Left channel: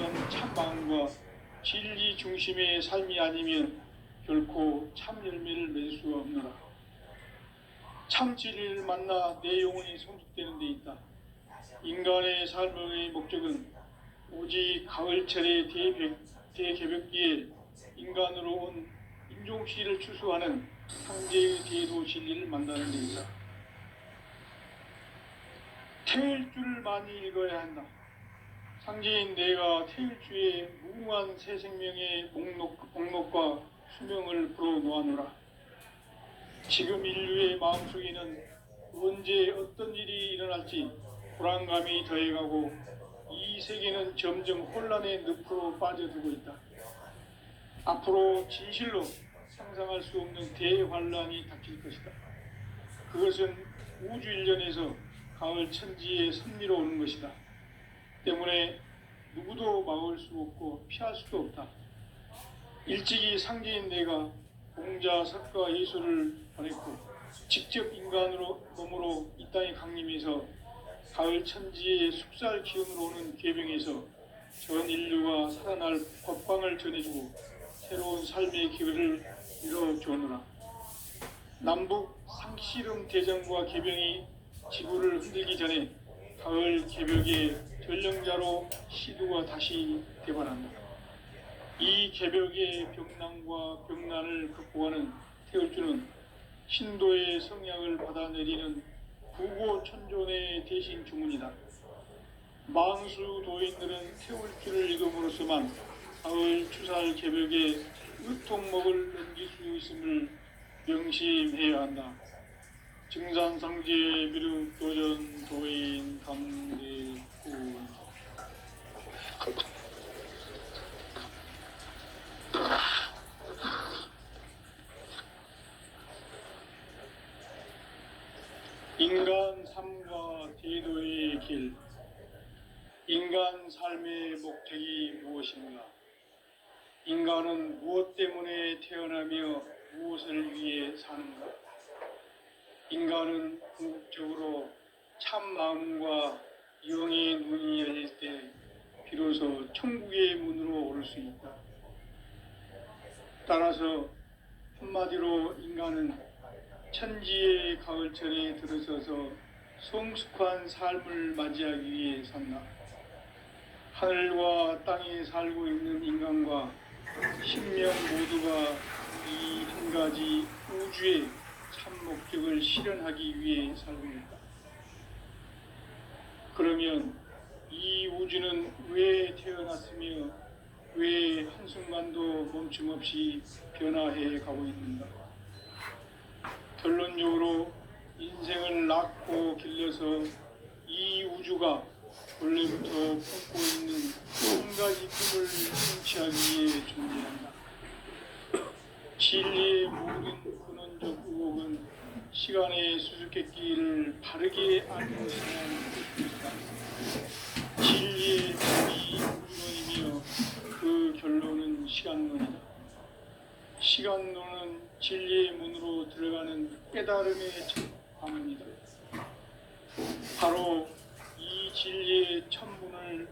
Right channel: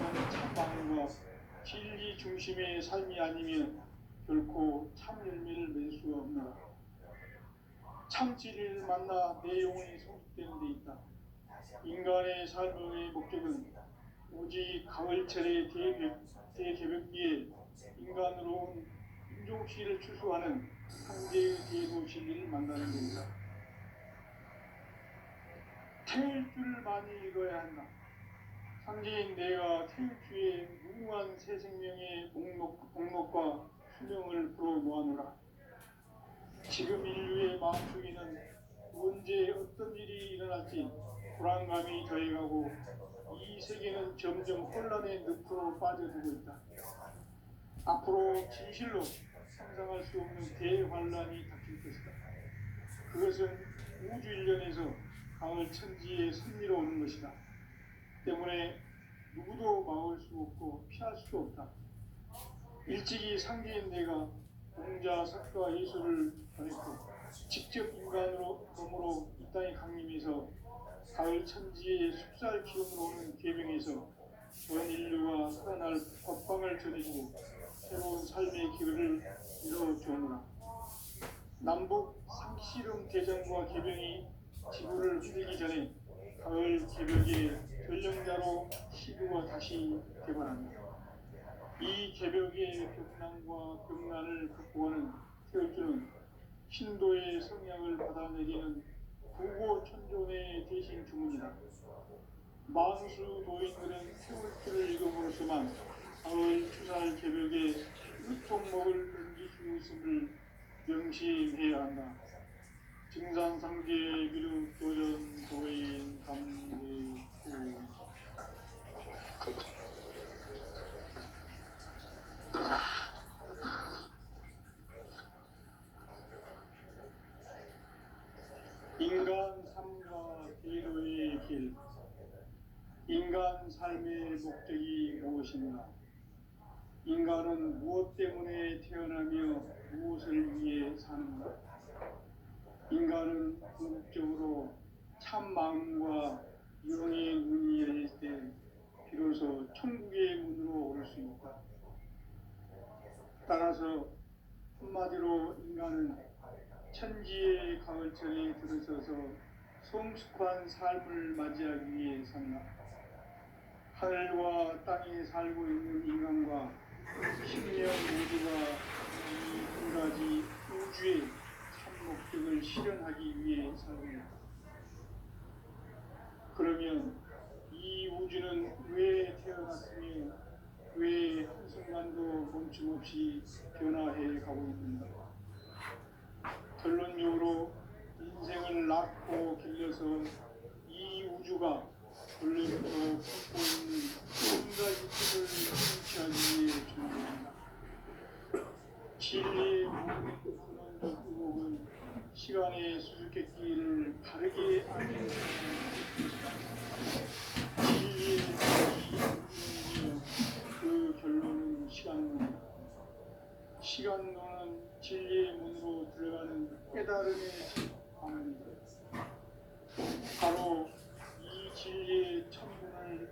것은 참마음과 진리 중심의 삶이 아니면 결코 참 열매를 맺을 수가 없노라. 참 진리를 만나 내 영혼이 성숙되는 데 있다. 인간의 삶의 목적은 오직 가을철의 대개벽기에 인간으로 온 인종씨를 추수하는 황제의 대도 진리를 만나는 데 있다. 태일주를 많이 읽어야 한다. 상제인 내가 태일주의 무궁한 새 생명의 목록과 수명을 불어놓아노라. 지금 인류의 마음속에는 언제 어떤 일이 일어날지 불안감이 더해가고 이 세계는 점점 혼란의 늪으로 빠져들고 있다. 앞으로 진실로 상상할 수 없는 대환란이 닥칠 것이다. 그것은 우주 일련에서 가을 천지의 섭리로 오는 것이다. 때문에 누구도 막을 수 없고 피할 수도 없다. 일찍이 상제인 내가 공자, 석가, 예수를 보냈고 직접 인간으로 몸으로 이 땅에 강림해서 가을 천지의 숙살 기운으로 오는 계병에서 전 인류가 살아날 법방을 전해주고 새로운 삶의 기회를 이뤄주느라. 남북 상씨름 대전과 계병이 지구를 흔들기 전에 가을 개벽의 전령자로 시두가 다시 대발한다. 이 개벽의 벽난과 벽난을 극복하는 태울주는 신도의 성약을 받아내리는 부고천존의 대신 주문이다. 망수 도인들은 태울주를 읽음으로써만 가을 추살 개벽의 으통목을 넘길 수 있음을 명심해야 한다. 증산상제 비륵 도전 도인 감대구. 인간 삶과 대도의 길. 인간 삶의 목적이 무엇인가? 인간은 무엇 때문에 태어나며 무엇을 위해 사는가? 인간은 궁극적으로 참 마음과 영의 눈이 열릴 때 비로소 천국의 문으로 오를 수 있다. 따라서 한마디로 인간은 천지의 가을철에 들어서서 성숙한 삶을 맞이하기 위해 산다. 하늘과 땅에 살고 있는 인간과 신명 모두가 이 한 가지 우주의 참 목적을 실현하기 위해 살고 있다. 그러면 이 우주는 왜 태어났으며 왜 한순간도 멈춤없이 변화해 가고 있는가? 결론적으로 인생을 낳고 길러서 이 우주가 원래부터 품고 있는 한 가지 꿈을 성취하기 위해 존재한다. 진리의 모든 근원적 의혹은 시간의 수수께끼를 바르게 아는 것이라는 것이다. 진리의 답이 우주론이며 그 결론은 시간론이다. 시간론은 진리의 문으로 들어가는 깨달음의 첫 관문이다. 바로 이 진리의 천문을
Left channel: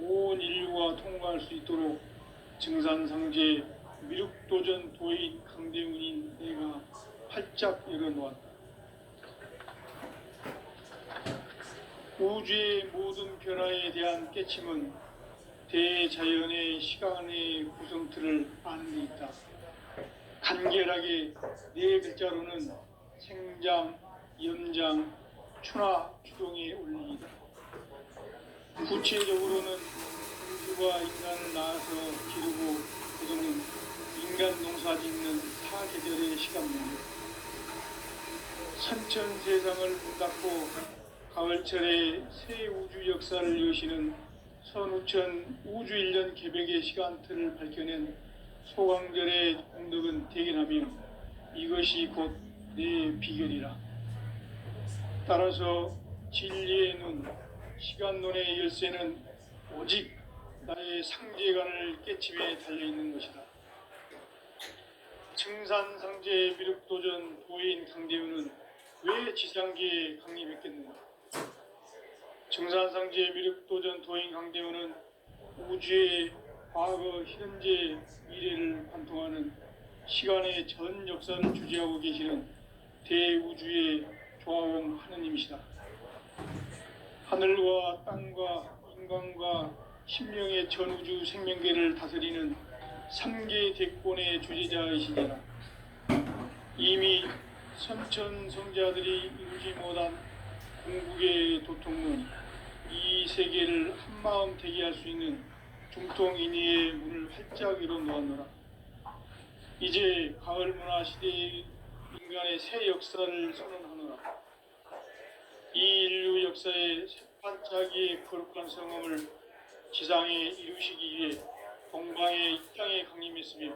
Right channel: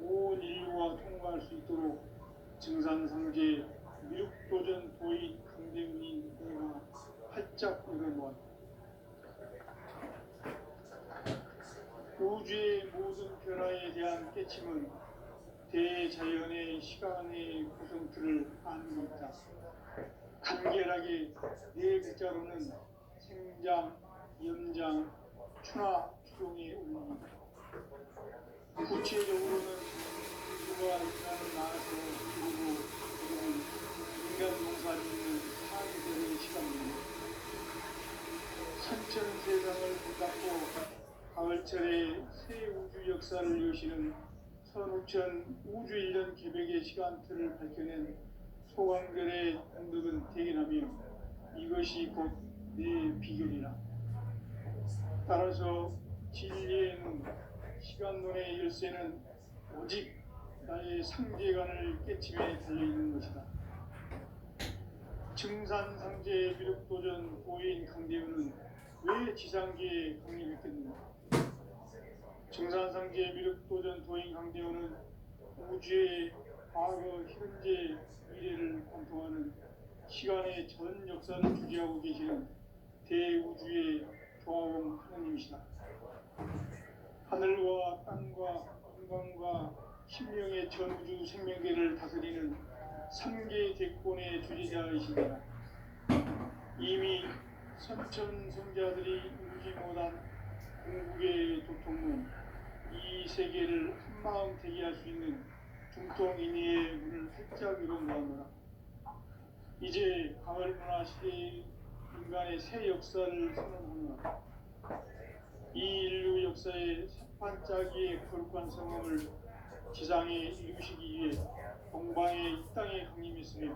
온 인류가 통과할 수 있도록 증산상제 미륵도전 도인 강대훈인 내가 활짝 열어놓았다. 우주의 모든 변화에 대한 깨침은 대자연의 시간의 구성틀을 아는 데 있다. 간결하게 네 글자로는 생장, 염장, 추나, 추동의 원리이다. 구체적으로는 우주가 인간을 낳아서 기르고 거두는 인간 농사 짓는 사계절의 시간입니다. 선천 세상을 문 닫고 가을철에 새 우주 역사를 여시는 선우천 우주일년 개벽의 시간틀을 밝혀낸 소강절의 공덕은 대견하며 이것이 곧 내 비결이라. 따라서 진리의 눈, 시간론의 열쇠는 오직 나의 상제관을 깨침에 달려있는 것이다. 증산상제 미륵도전 도인 강대훈은 왜 지상계에 강림했겠는가? 증산상제 미륵도전 도인 강대훈은 우주의 과거, 현재, 미래를 관통하는 시간의 전 역사를 주재하고 계시는 대우주의 조화원 하느님이시다. 하늘과 땅과 인간과 신명의 전우주 생명계를 다스리는 삼계 대권의 주재자이시니라. 이미 선천성자들이 이루지 못한 궁극의 도통문, 이 세계를 한마음 되게 할 수 있는 중통인의의 문을 활짝 열어 놓았노라. 이제 가을 문화 시대의 인간의 새 역사를 선언하노라. 이 인류 역사의 새반짝이의 거룩한 성음을 지상에 이루시기 위해 동방의 이 땅에 강림했으며,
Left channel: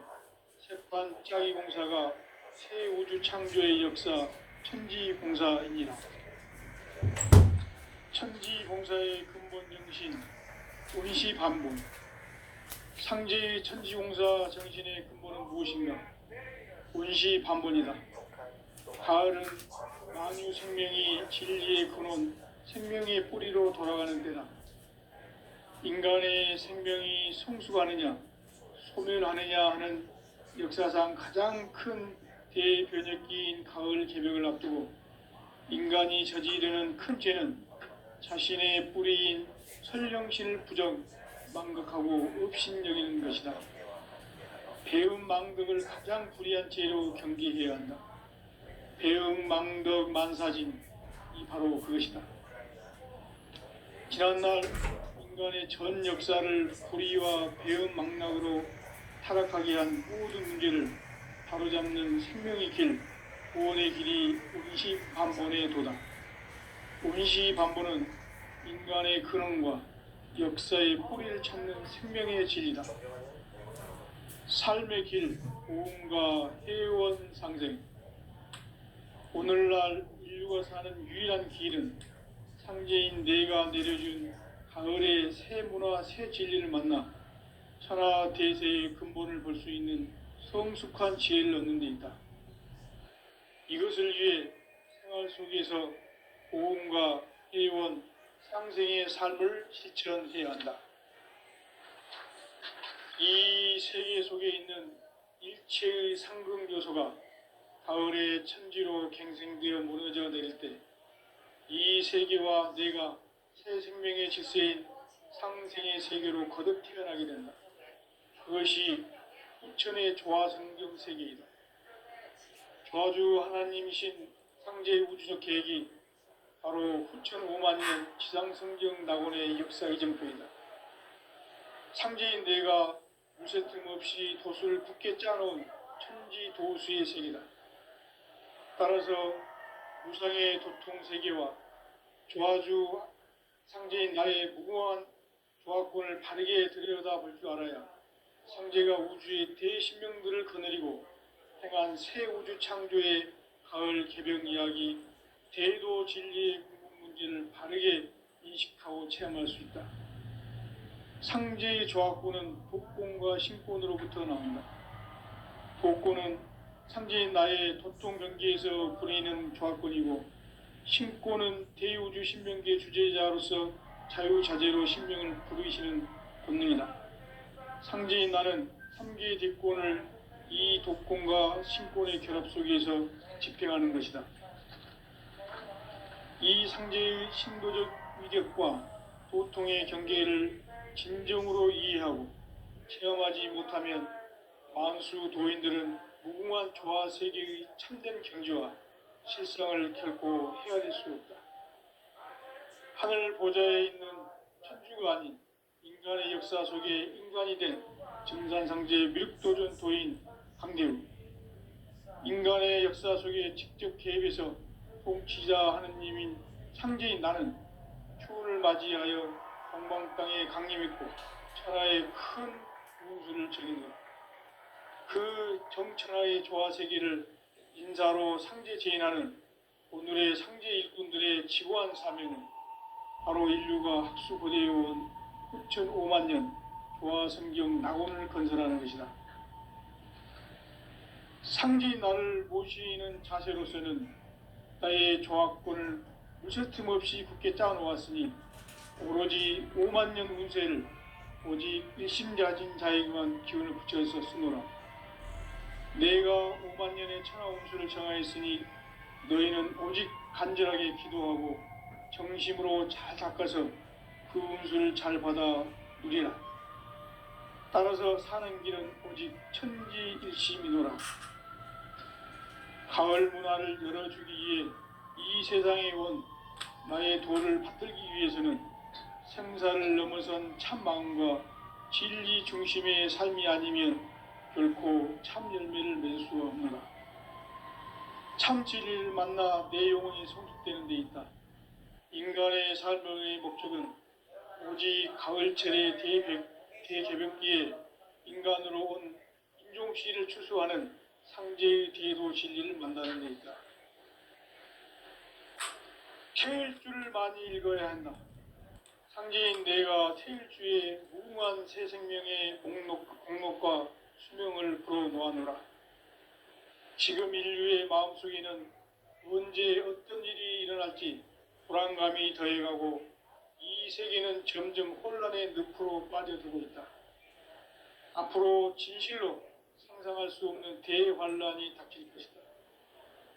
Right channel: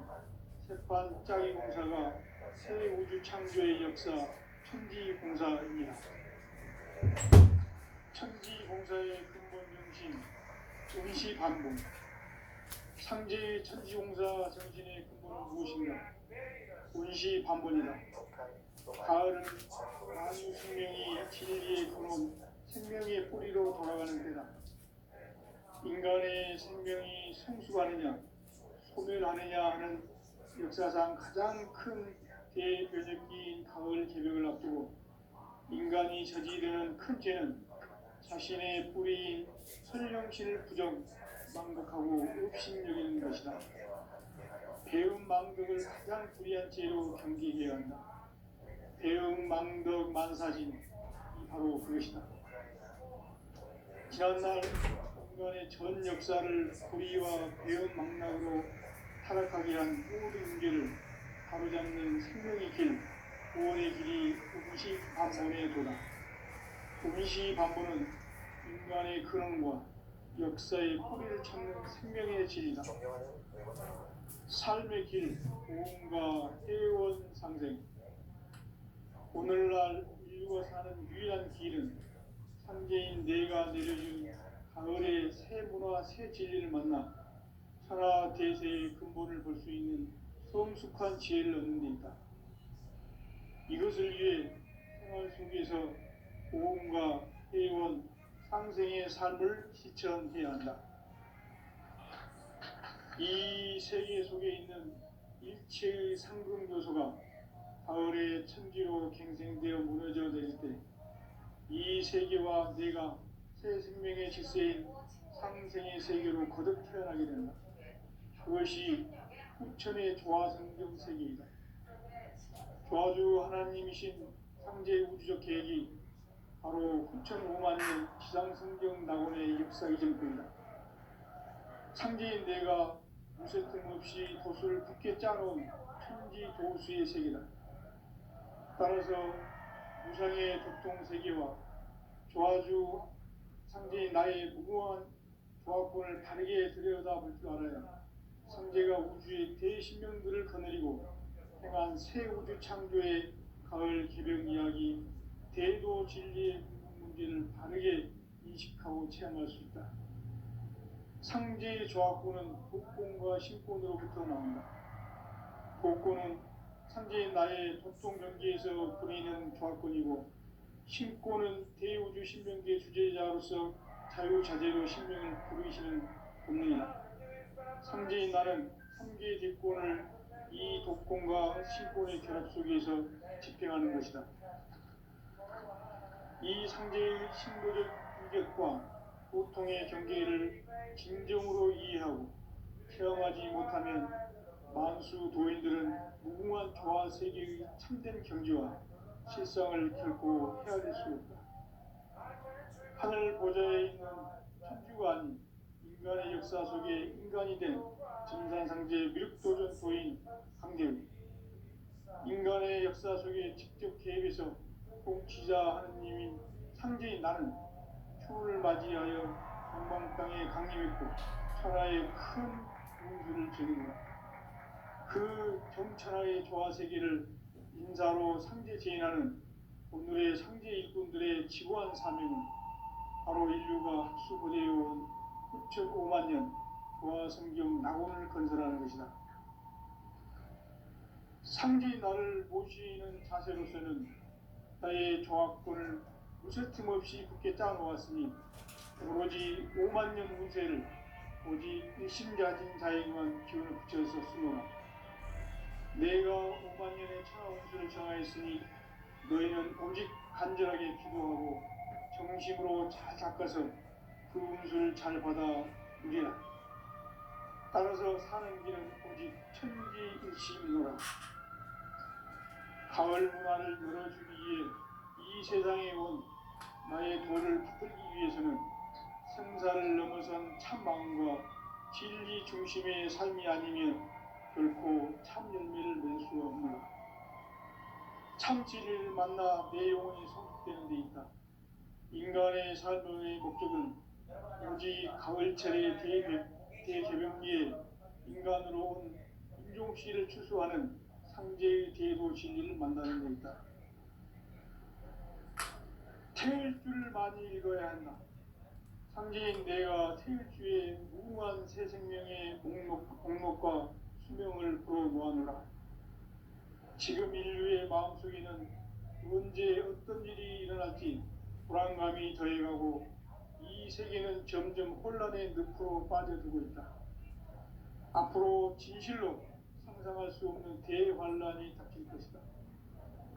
새반짝이 공사가 새 우주 창조의 역사 천지봉사이니라. 천지봉사의 근본 정신 운시반본. 상제의 천지봉사 정신의 근본은 무엇인가? 운시반본이다. 가을은 만유 생명이 진리의 근원, 생명의 뿌리로 돌아가는 때다. 인간의 생명이 성숙하느냐 소멸하느냐 하는 역사상 가장 큰 대변혁기인 가을 개벽을 앞두고 인간이 저지르는 큰 죄는 자신의 뿌리인 설령신을 부정, 망극하고 업신여기는 것이다. 배음 망덕을 가장 불의한 죄로 경계해야 한다. 배음 망덕 만사진, 이 바로 그것이다. 지난날 인간의 전 역사를 불의와 배음 망락으로 타락하게 한 모든 문제를 바로잡는 생명의 길, 구원의 길이 운시반본의 도다. 운시반본은 인간의 근원과 역사의 뿌리를 찾는 생명의 진리다. 삶의 길, 고음과 해원 상생. 오늘날 인류가 사는 유일한 길은 상제인 내가 내려준 가을의 새 문화, 새 진리를 만나 천하 대세의 근본을 볼 수 있는 성숙한 지혜를 얻는 데 있다. 이것을 위해 생활 속에서 고음과 해원, 상생의 삶을 실천해야 한다. 이 세계 속에 있는 일체의 상금 요소가 가을의 천지로 갱생되어 무너져 내릴 때 이 세계와 내가 새 생명의 질서인 상생의 세계로 거듭 태어나게 된다. 그것이 후천의 조화성경 세계이다. 조화주 하나님이신 상제의 우주적 계획이 바로 후천 5만년 지상성경 낙원의 역사 이전표이다. 상제인 내가 무쇠 틈 없이 도수를 굳게 짜놓은 천지 도수의 세계다. 따라서 무상의 도통 세계와 조화주 상제인 나의 무궁한 조화권을 바르게 들여다볼 줄 알아야 상제가 우주의 대신명들을 거느리고 행한 새 우주 창조의 가을 개벽 이야기, 대도 진리의 궁극 문제를 바르게 인식하고 체험할 수 있다. 상제의 조화권은 복권과 신권으로부터 나온다. 복권은 상제인 나의 도통 경계에서 부리는 조화권이고, 신권은 대우주 신명계 주제자로서 자유자재로 신명을 부르시는 권능이다. 상제인 나는 3개의 대권을 이 독권과 신권의 결합 속에서 집행하는 것이다. 이 상제의 신도적 위력과 도통의 경계를 진정으로 이해하고 체험하지 못하면 만수 도인들은 무궁한 조화 세계의 참된 경지와 실상을 결코 헤아릴 수 없다. 하늘 보좌에 있는 천주가 아닌 인간의 역사 속에 인간이 된 정산상제 미륵도전 도인 강대우, 인간의 역사 속에 직접 개입해서 통치자 하느님인 상제인 나는 추운을 맞이하여 동방 땅에 강림했고 천하의 큰 운수를 적이노라. 그 정천하의 조화세계를 인사로 상제 제인하는 오늘의 상제 일꾼들의 지고한 사명은 바로 인류가 학수고대해온 후천 5만 년 조화성경 낙원을 건설하는 것이다. 상제인 나를 모시는 자세로서는 나의 조화권을 무쇠틈 없이 굳게 짜놓았으니 오로지 5만 년 운세를 오직 일심가진 자에게만 기운을 붙여서 쓰노라. 내가 5만 년의 천하 운수를 정하였으니 너희는 오직 간절하게 기도하고 정심으로 잘 닦아서 그 운수를 잘 받아 누리라. 따라서 사는 길은 오직 천지일심이노라. 가을 문화를 열어주기 위해 이 세상에 온 나의 도를 받들기 위해서는 생사를 넘어선 참 마음과 진리 중심의 삶이 아니면 결코 참 열매를 맺을 수 없노라. 참 진리를 만나 내 영혼이 성숙되는 데 있다. 인간의 삶의 목적은 오직 가을철의 대개벽기에 인간으로 온 인종씨를 추수하는 상제의 대도 진리를 만나는 데 있다. 태일주를 많이 읽어야 한다. 상제인 내가 태일주의 무궁한 새 생명의 목록과 수명을 불어놓아노라. 지금 인류의 마음속에는 언제 어떤 일이 일어날지 불안감이 더해가고 이 세계는 점점 혼란의 늪으로 빠져들고 있다. 앞으로 진실로 상상할 수 없는 대환란이 닥칠 것이다.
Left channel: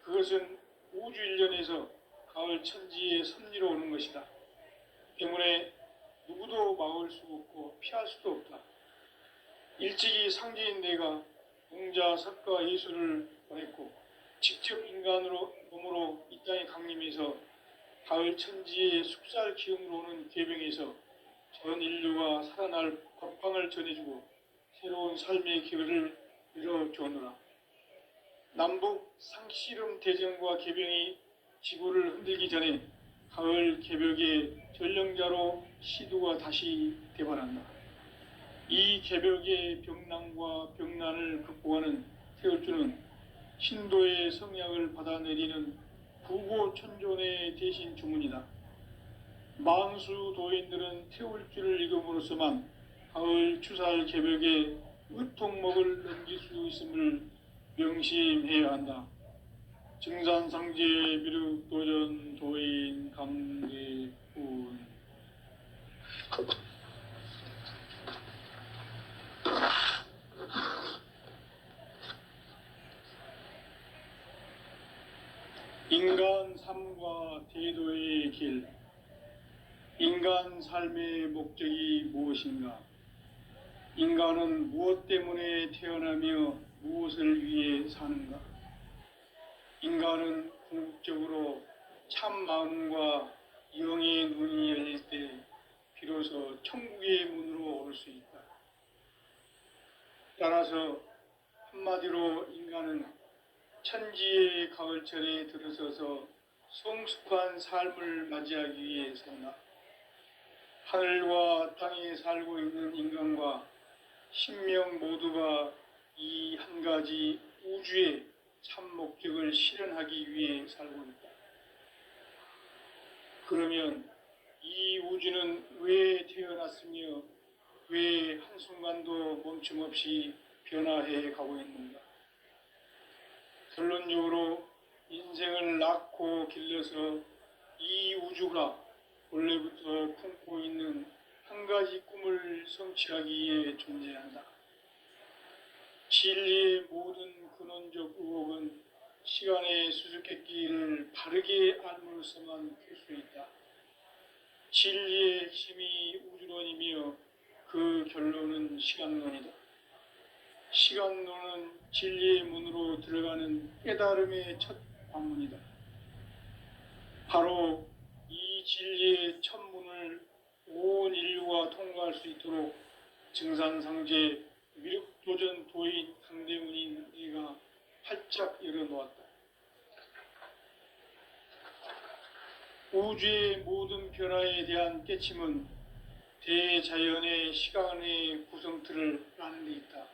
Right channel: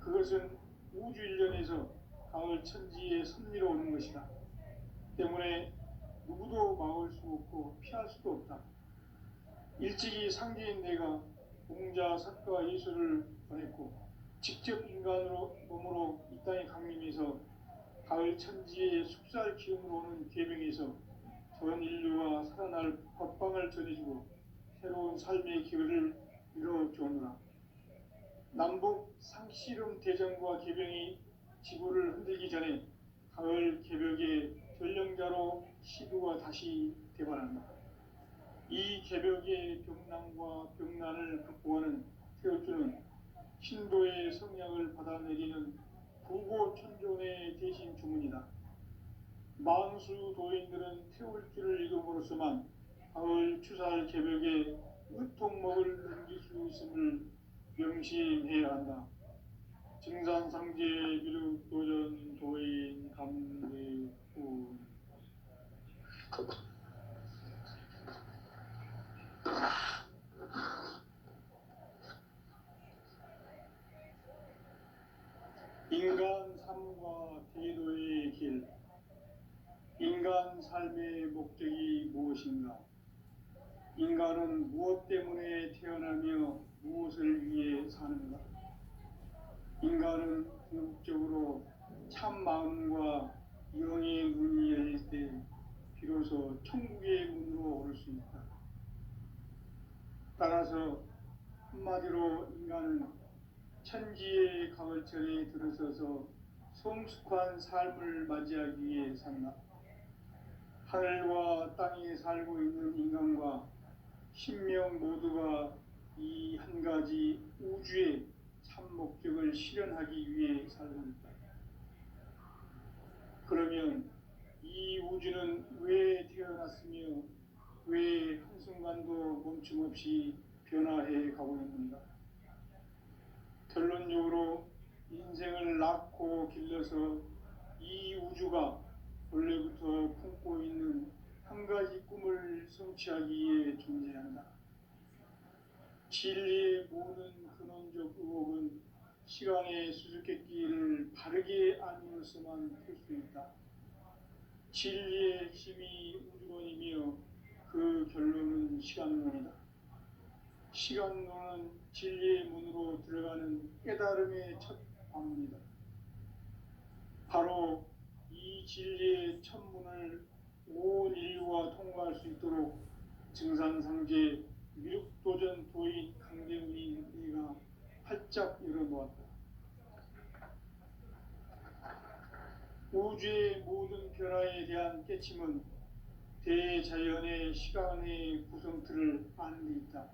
그것은 우주 일련에서 가을 천지의 섭리로 오는 것이다. 때문에 누구도 막을 수 없고 피할 수도 없다. 일찍이 상제인 내가 공자, 석가, 예수를 보냈고 직접 인간으로 몸으로 이 땅에 강림해서 가을 천지의 숙살 기운으로 오는 계병에서 전 인류가 살아날 법방을 전해주고 새로운 삶의 기회를 열어주었노라. 남북 상씨름 대전과 계병이 지구를 흔들기 전에 가을 개벽의 전령자로 시두가 다시 되반한다. 이 개벽의 병난과 병난을 극복하는 태울주는 신도의 성약을 받아내리는 부고천존의 대신 주문이다. 만수 도인들은 태울주를 읽음으로써만 가을 추살 개벽의 의통목을 넘길 수 있음을 명심해야 한다. 증산상제 미륵도전 도인 감대군. 인간 삶과 대도의 길. 인간 삶의 목적이 무엇인가? 인간은 무엇 때문에 태어나며 무엇을 위해 사는가? 인간은 궁극적으로 참 마음과 영의 눈이 열릴 때 비로소 천국의 문으로 오를 수 있다. 따라서 한마디로 인간은 천지의 가을철에 들어서서 성숙한 삶을 맞이하기 위해 산다. 하늘과 땅에 살고 있는 인간과 신명 모두가 이 한 가지 우주의 참 목적을 실현하기 위해 살고 있다. 그러면 이 우주는 왜 태어났으며 왜 한순간도 멈춤 없이 변화해 가고 있는가? 결론적으로 인생을 낳고 길러서 이 우주가 원래부터 품고 있는 한 가지 꿈을 성취하기 위해 존재한다. 진리의 모든 근원적 의혹은 시간의 수수께끼를 바르게 알므로서만 풀 수 있다. 진리의 힘이 우주론이며 그 결론은 시간론이다. 시간론은 진리의 문으로 들어가는 깨달음의 첫 관문이다. 바로 이 진리의 첫 문을 온 인류가 통과할 수 있도록 증산상제 미륵도전 도인 강대문인 네가 활짝 열어놓았다. 우주의 모든 변화에 대한 깨침은 대자연의 시간의 구성틀을 아는 데 있다.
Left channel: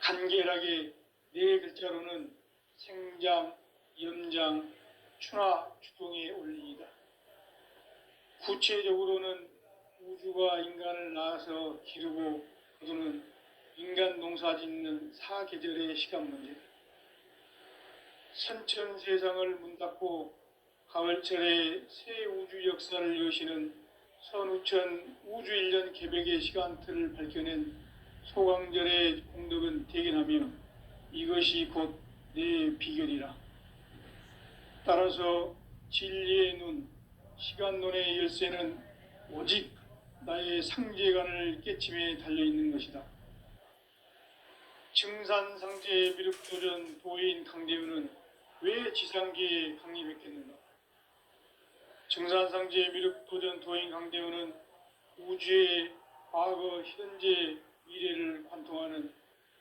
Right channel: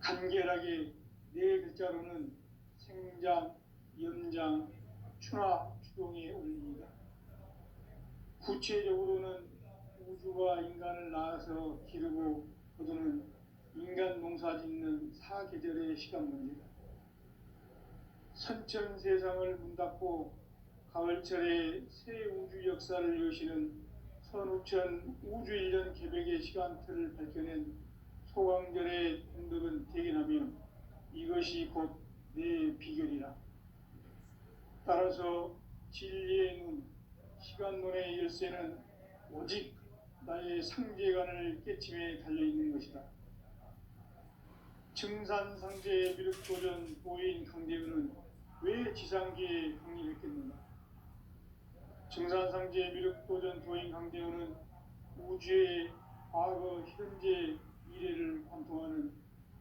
간결하게 네 글자로는 생장, 염장, 추나 추동의 원리이다. 구체적으로는 우주가 인간을 낳아서 기르고 거두는 인간 농사 짓는 사계절의 시간 문제다. 선천 세상을 문 닫고 가을철에 새 우주 역사를 여시는 선우천 우주일년 개벽의 시간틀을 밝혀낸 소강절의 공덕은 대견하며 이것이 곧 내 비결이라. 따라서 진리의 눈, 시간론의 열쇠는 오직 나의 상제관을 깨침에 달려있는 것이다. 증산상제의 미륵도전 도인 강대우는 왜 지상계에 강림했겠는가? 증산상제의 미륵도전 도인 강대우는 우주의 과거, 현재, 미래를 관통하는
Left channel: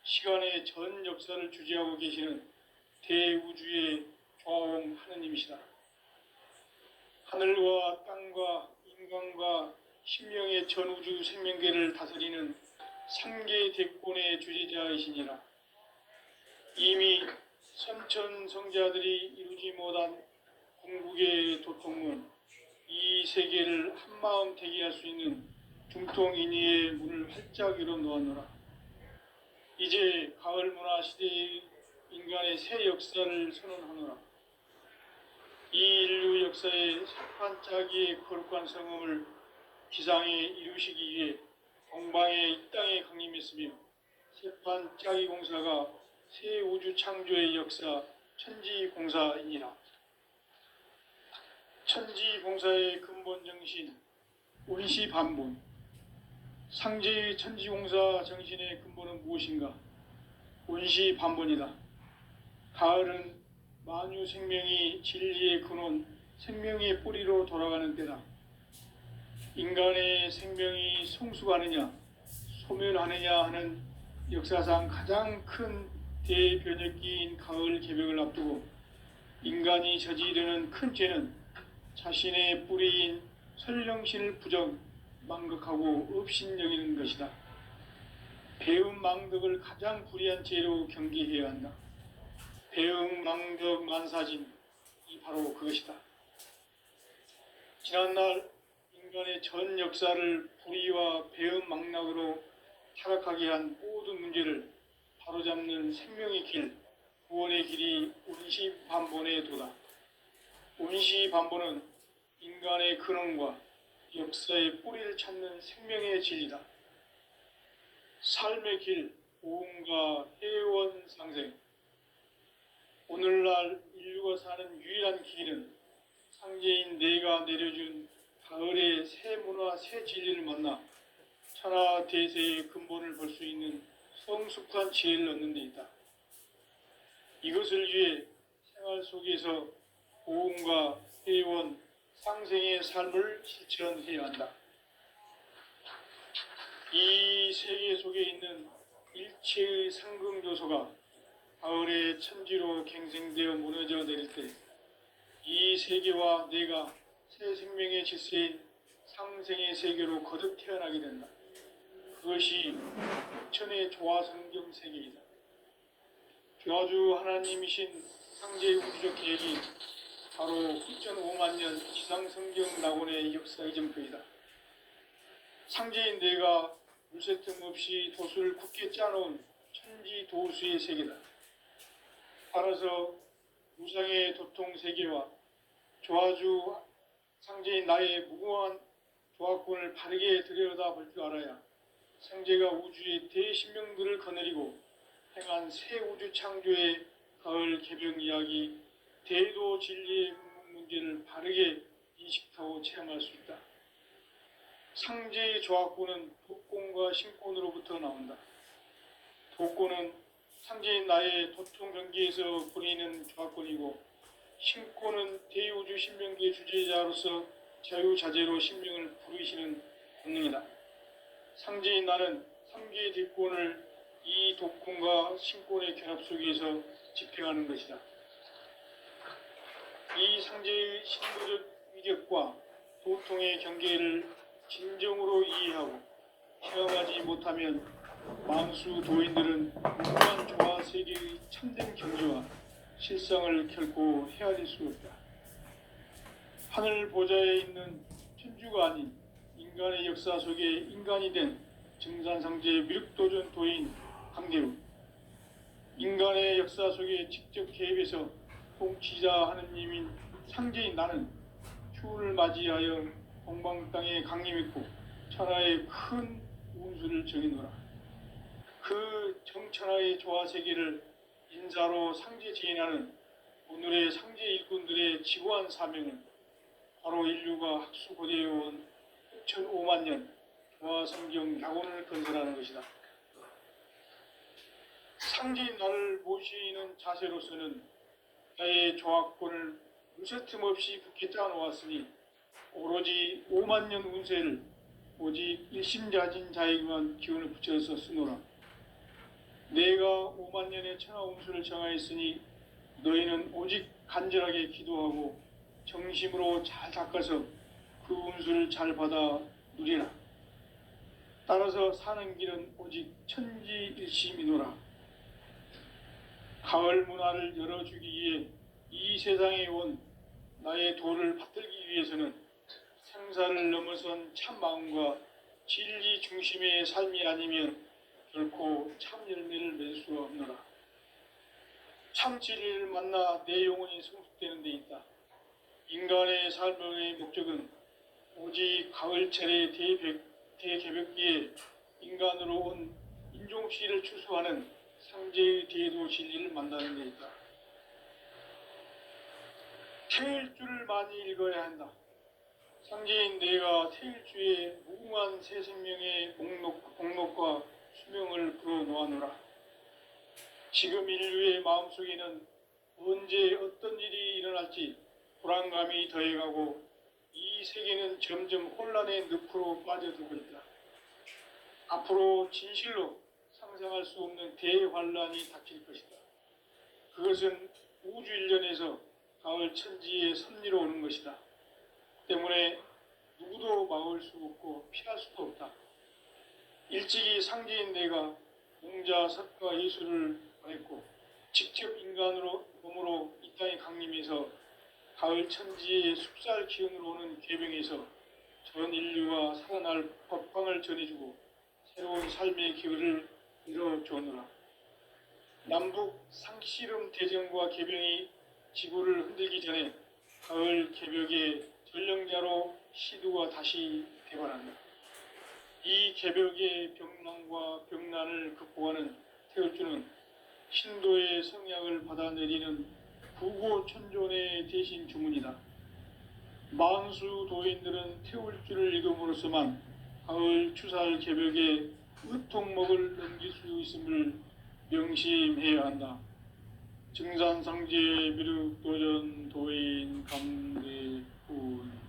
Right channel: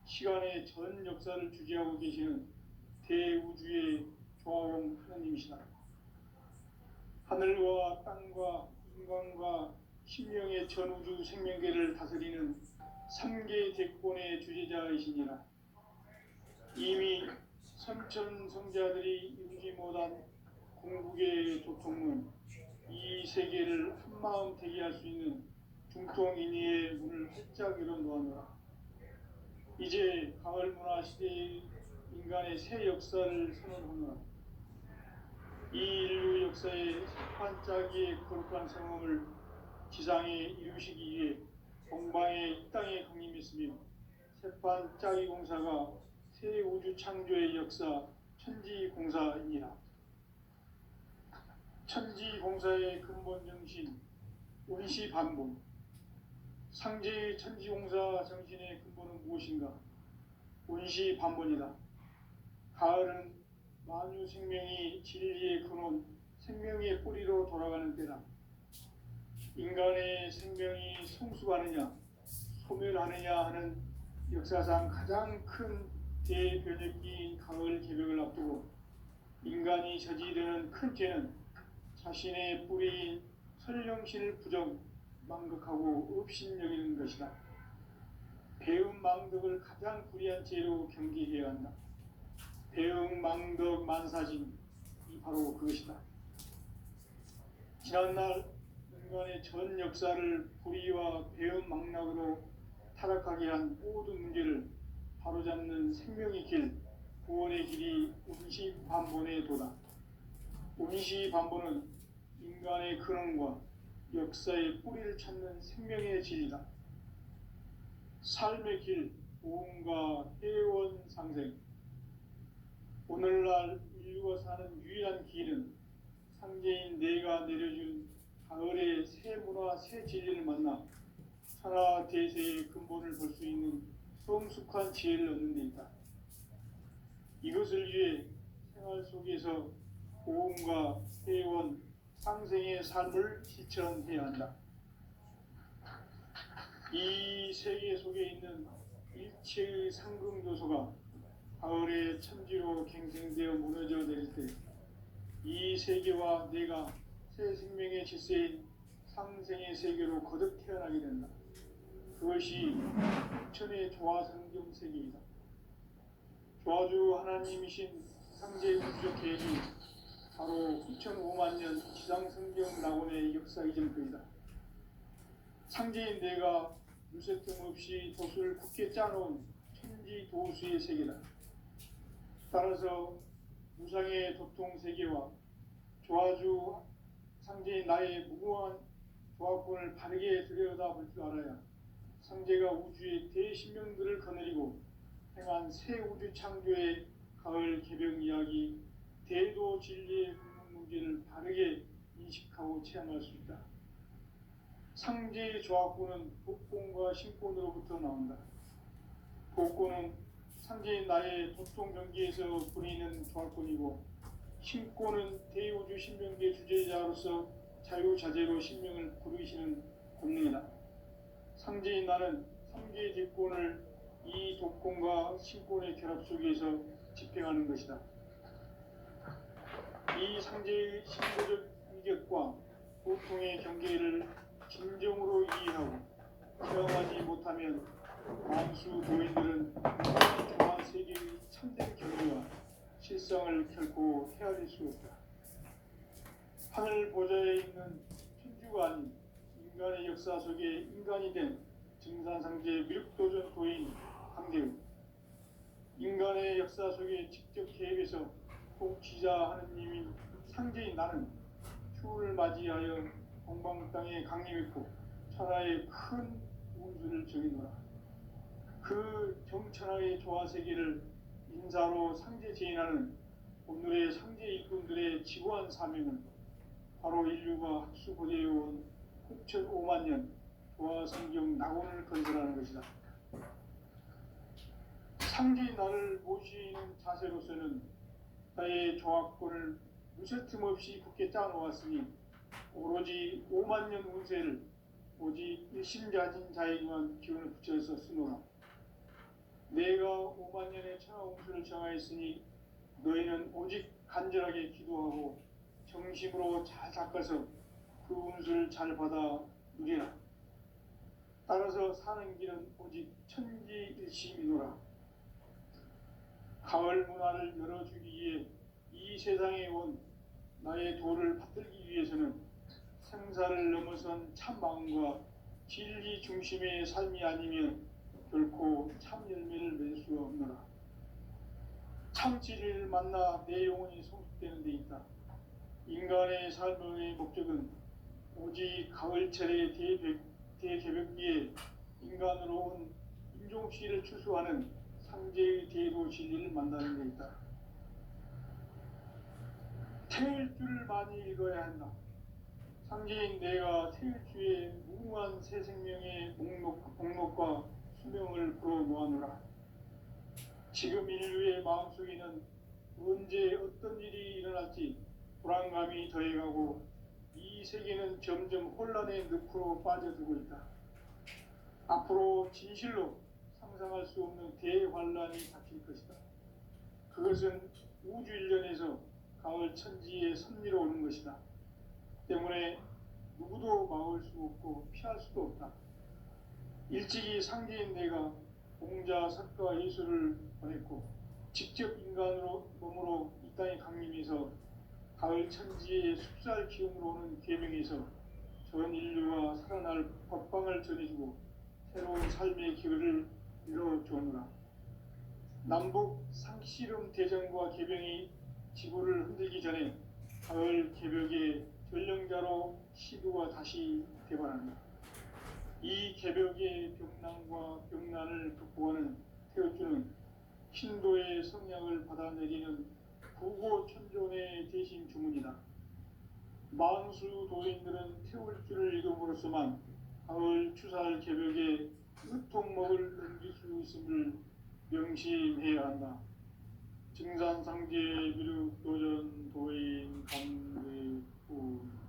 시간의 전 역사를 주재하고 계시는 대우주의 좌왕 하느님이시다. 하늘과 땅과 인간과 신명의 전우주 생명계를 다스리는 삼계 대권의 주재자이시니라. 이미 선천성자들이 이루지 못한 궁극의 도통문, 이 세계를 한마음 되게 할 수 있는 중통인의의 문을 활짝 열어 놓았노라. 이제 가을 문화 시대의 인간의 새 역사를 선언하노라. 이 인류 역사의 반짝이의 거룩한 성음을 기상에 이루시기 위해 동방의 이 땅에 강림했으며 세판 짜기 공사가 새 우주 창조의 역사 천지공사이니라. 천지공사의 근본 정신 원시반본. 상제의 천지공사 정신의 근본은 무엇인가? 원시반본이다. 가을은 만유 생명이 진리의 근원, 생명의 뿌리로 돌아가는 때다. 인간의 생명이 성숙하느냐, 소멸하느냐 하는 역사상 가장 큰 대변혁기인 가을 개벽을 앞두고 인간이 저지르는 큰 죄는 자신의 뿌리인 설령신을 부정, 망극하고 업신여기는 것이다. 배음 망덕을 가장 불의한 죄로 경계해야 한다. 배음 망덕 만사진, 이 바로 그것이다. 지난날 인간의 전 역사를 불의와 배음 망락으로 타락하게 한 모든 문제를 바로잡는 생명의 길, 구원의 길이 원시반본의 도다. 원시반본은 인간의 근원과 역사의 뿌리를 찾는 생명의 진리다. 삶의 길, 보험과 회원 상생. 오늘날 인류가 사는 유일한 길은 상제인 내가 내려준 가을의 새 문화, 새 진리를 만나 천하 대세의 근본을 볼 수 있는 성숙한 지혜를 얻는 데 있다. 이것을 위해 생활 속에서 보험과 회원, 상생의 삶을 실천해야 한다. 이 세계 속에 있는 일체의 상금조소가 가을의 천지로 갱생되어 무너져 내릴 때 이 세계와 내가 새 생명의 질서인 상생의 세계로 거듭 태어나게 된다. 그것이 천의 조화성경 세계이다. 조화주 하나님이신 상제의 우주적 계획이 바로 9,500만 년 지상성경 낙원의 역사 이정표이다. 상제인 내가 물새 틈 없이 도수를 굳게 짜놓은 천지 도수의 세계다. 따라서 무상의 도통 세계와 조화주 상제인 나의 무궁한 조화권을 바르게 들여다볼 줄 알아야 상제가 우주의 대신명들을 거느리고 행한 새 우주 창조의 가을 개벽 이야기, 대도 진리의 문제를 바르게 인식하고 체험할 수 있다. 상제의 조화권은 도권과 신권으로부터 나온다. 도권은 상제인 나의 도통 경계에서 보내는 조화권이고, 신권은 대우주 신명계 주제자로서 자유자재로 신명을 부르시는 본능이다. 상제인 나는 3개의 대권을 이 도권과 신권의 결합 속에서 집행하는 것이다. 이 상제의 신도적 위력과 도통의 경계를 진정으로 이해하고 체험하지 못하면 만수 도인들은 무한 조화 세계의 참된 경지와 실상을 결코 헤아릴 수 없다. 하늘 보좌에 있는 천주가 아닌 인간의 역사 속에 인간이 된 증산상제 미륵도전 도인 강대우. 인간의 역사 속에 직접 개입해서 통치자 하느님인 상제인 나는 휴를 맞이하여 동방 땅에 강림했고 천하의 큰 운수를 정해노라. 그 정천하의 조화세계를 인사로 상제 지인하는 오늘의 상제 일꾼들의 지고한 사명은 바로 인류가 학수고대해온 6,5만 년 조화성경 낙원을 건설하는 것이다. 상제인 나를 모시는 자세로서는 나의 조합권을 무쇠틈 없이 굳게 짜놓았으니 오로지 5만 년 운세를 오직 일심자진 자에게만 기운을 붙여서 쓰노라. 내가 5만 년의 천하 운수를 정하였으니 너희는 오직 간절하게 기도하고 정심으로 잘 닦아서 그 운수를 잘 받아 누리라. 따라서 사는 길은 오직 천지일심이노라. 가을 문화를 열어주기 위해 이 세상에 온 나의 도를 받들기 위해서는 생사를 넘어선 참 마음과 진리 중심의 삶이 아니면 결코 참 열매를 맺을 수 없노라. 참 진리를 만나 내 영혼이 성숙되는 데 있다. 인간의 삶의 목적은 오직 가을철의 대개벽기에 인간으로 온 인종시를 추수하는 상제의 대도 진리를 만나는 데 있다. 태일주를 많이 읽어야 한다. 상제인 내가 태일주의 무궁한 새 생명의 목록과 수명을 풀어놓아노라. 지금 인류의 마음속에는 언제 어떤 일이 일어날지 불안감이 더해가고 이 세계는 점점 혼란의 늪으로 빠져들고 있다. 앞으로 진실로 상상할 수 없는 대환란이 닥칠 것이다. 그것은 우주 일련에서 가을 천지의 섭리로 오는 것이다. 때문에 누구도 막을 수 없고 피할 수도 없다. 일찍이 상제인 내가 공자, 석가, 예수를 보냈고 직접 인간으로 몸으로 이 땅에 강림해서 가을 천지의 숲살 기운으로 오는 계명에서 전 인류가 살아날 법방을 전해주고 새로운 삶의 기회를 이뤄주느라. 남북 상씨름 대전과 개병이 지구를 흔들기 전에 가을 개벽의 전령자로 시두가 다시 대발한다. 이 개벽의 병난과 병난을 극복하는 태울주는 신도의 성약을 받아내리는 구고천존의 대신 주문이다. 만수 도인들은 태울주를 읽음으로써만 가을 추살 개벽의 의통목을 넘길 수 있음을 명심해야 한다. 증산상제 미륵도전 도인 감대군.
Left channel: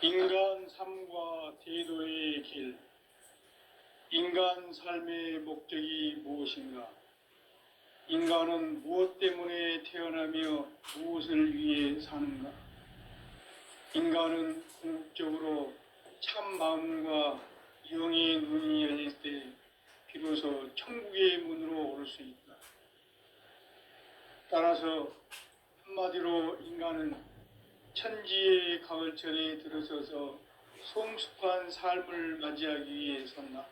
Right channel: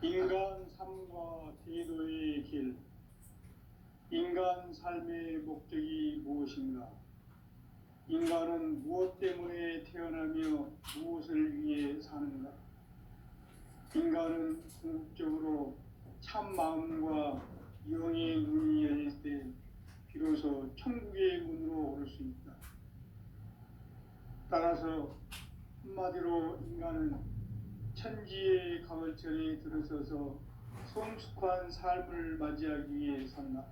인간 삶과 대도의 길. 인간 삶의 목적이 무엇인가? 인간은 무엇 때문에 태어나며 무엇을 위해 사는가? 인간은 궁극적으로 참 마음과 영의 눈이 열릴 때 비로소 천국의 문으로 오를 수 있다. 따라서 한마디로 인간은 천지의 가을철에 들어서서 성숙한 삶을 맞이하기 위해 산다.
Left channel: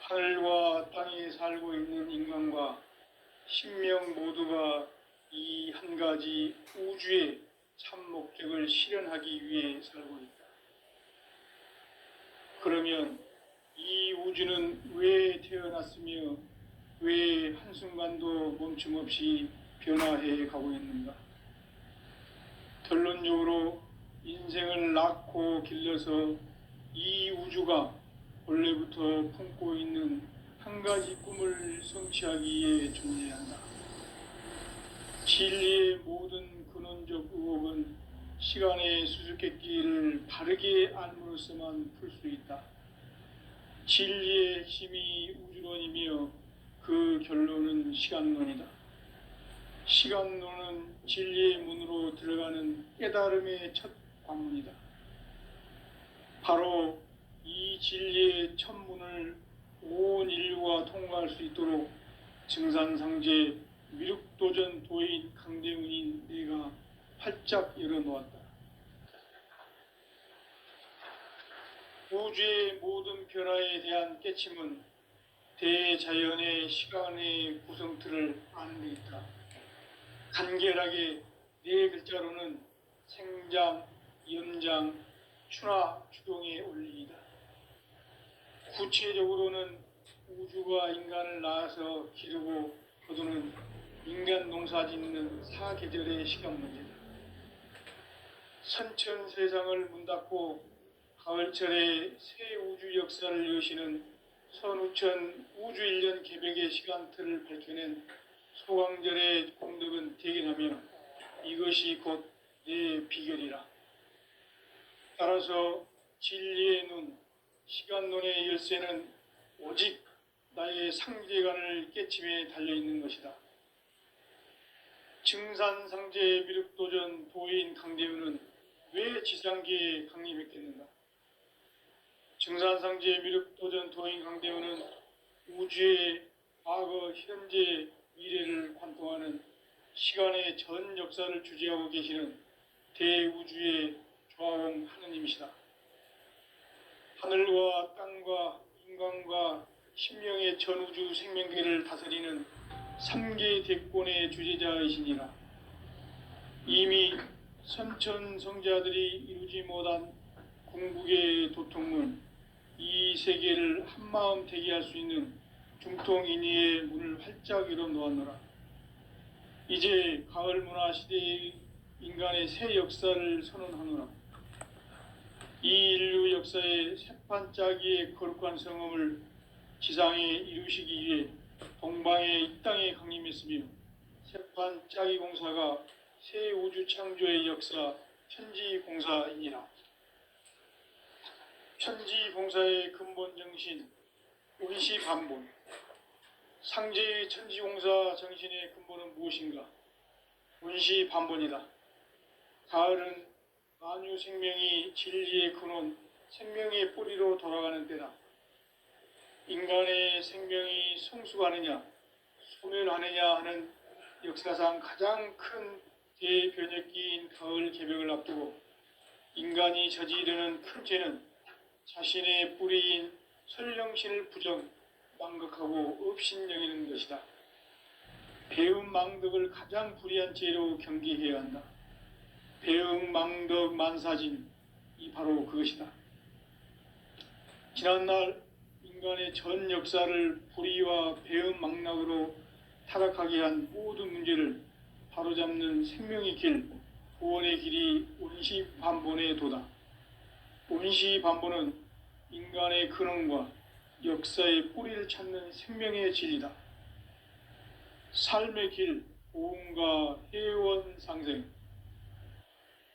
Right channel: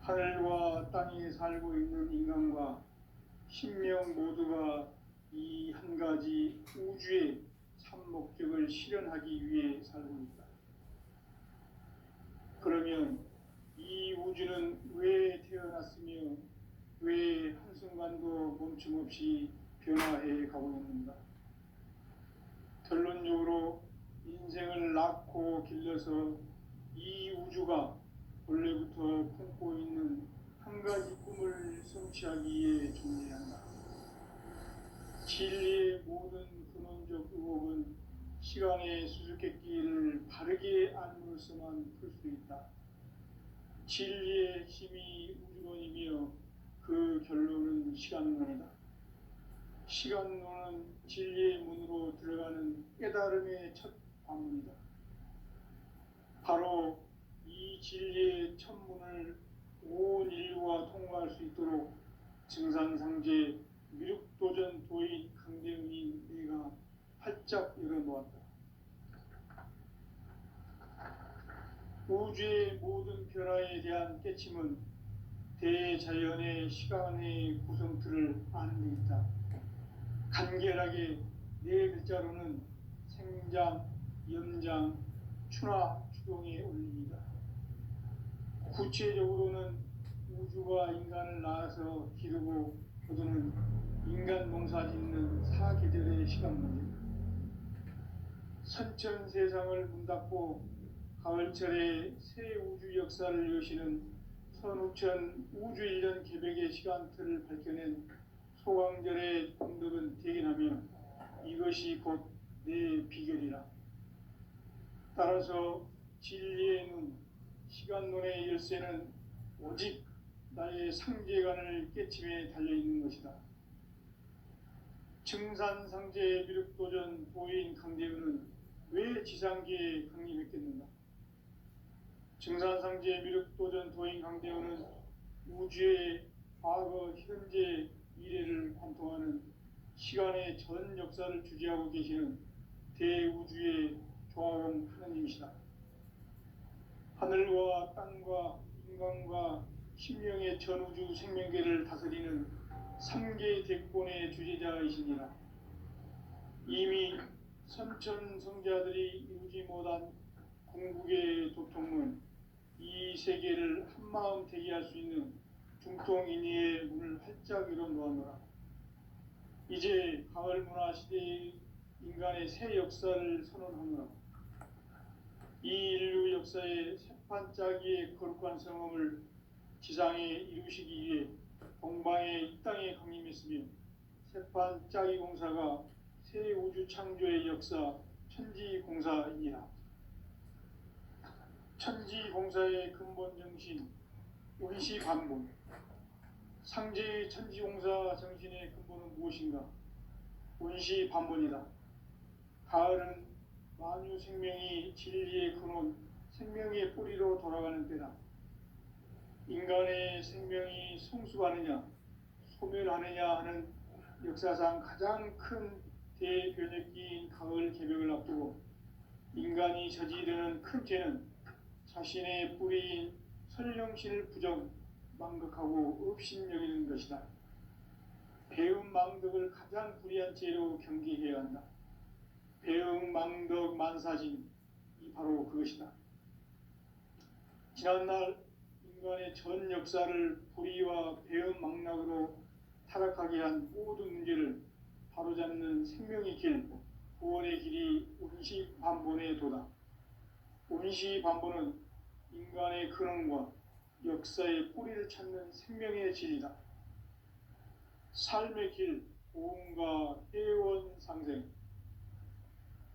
하늘과 땅에 살고 있는 인간과 신명 모두가 이 한 가지 우주의 참 목적을 실현하기 위해 살고 있다. 그러면 이 우주는 왜 태어났으며 왜 한순간도 멈춤 없이 변화해 가고 있는가? 결론적으로 인생을 낳고 길러서 이 우주가 원래부터 품고 있는 한 가지 꿈을 성취하기 위해 존재한다. 진리의 모든 근원적 의혹은 시간의 수수께끼를 바르게 알므로써만 풀 수 있다. 진리의 핵심이 우주론이며 그 결론은 시간론이다. 시간론은 진리의 문으로 들어가는 깨달음의 첫 관문이다. 바로 이 진리의 첫 문을 온 인류가 통과할 수 있도록 증산상제 미륵도전 도인 강대훈인 내가 활짝 열어놓았다. 우주의 모든 변화에 대한 깨침은 대자연의 시간의 구성틀을 아는 데 있다. 간결하게 네 글자로는 생장, 연장, 추나 추동에 올리이다. 구체적으로는 우주가 인간을 낳아서 기르고 거두는 인간 농사 짓는 사계절의 시간 문제다. 선천 세상을 문닫고 가을철에 새 우주 역사를 여시는 선우천 우주일년 개벽의 시간틀을 밝혀낸 소강절의 공덕은 대견하며 이것이 곧 내 비결이라. 따라서 진리의 눈, 시간론의 열쇠는 오직 나의 상제관을 깨침에 달려있는 것이다. 증산상제 미륵도전 도인 강대우는 왜 지상계에 강림했겠는가? 증산상제 미륵도전 도인 강대우는 우주의 과거, 현재, 미래를 관통하는 시간의 전 역사를 주재하고 계시는 대우주의 조화원 하느님이시다. 하늘과 땅과 인간과 신명의 전우주 생명계를 다스리는 3개 대권의 주제자이시니라. 이미 선천성자들이 이루지 못한 궁극의 도통문, 이 세계를 한마음 되게 할 수 있는 중통인의의 문을 활짝 열어 놓았노라. 이제 가을 문화 시대의 인간의 새 역사를 선언하노라. 이 인류 역사의 새판짜기의 거룩한 성음을 지상에 이루시기 위해 동방의 이 땅에 강림했으며 새판짜기 공사가 새 우주 창조의 역사 천지공사이니라. 천지공사의 근본 정신 운시반본. 상제의 천지공사 정신의 근본은 무엇인가? 운시반본이다. 가을은 만유 생명이 진리의 근원, 생명의 뿌리로 돌아가는 때다. 인간의 생명이 성숙하느냐, 소멸하느냐 하는 역사상 가장 큰 대변혁기인 가을 개벽을 앞두고 인간이 저지르는 큰 죄는 자신의 뿌리인 설령신을 부정, 망극하고 업신여기는 것이다. 배움 망덕을 가장 불의한 죄로 경계해야 한다. 배움 망덕 만사진, 이 바로 그것이다. 지난날 인간의 전 역사를 불의와 배움 망락으로 타락하게 한 모든 문제를 바로잡는 생명의 길, 구원의 길이 운시반본의 도다. 운시반본은 인간의 근원과 역사의 뿌리를 찾는 생명의 진리다. 삶의 길, 고음과 회원 상생.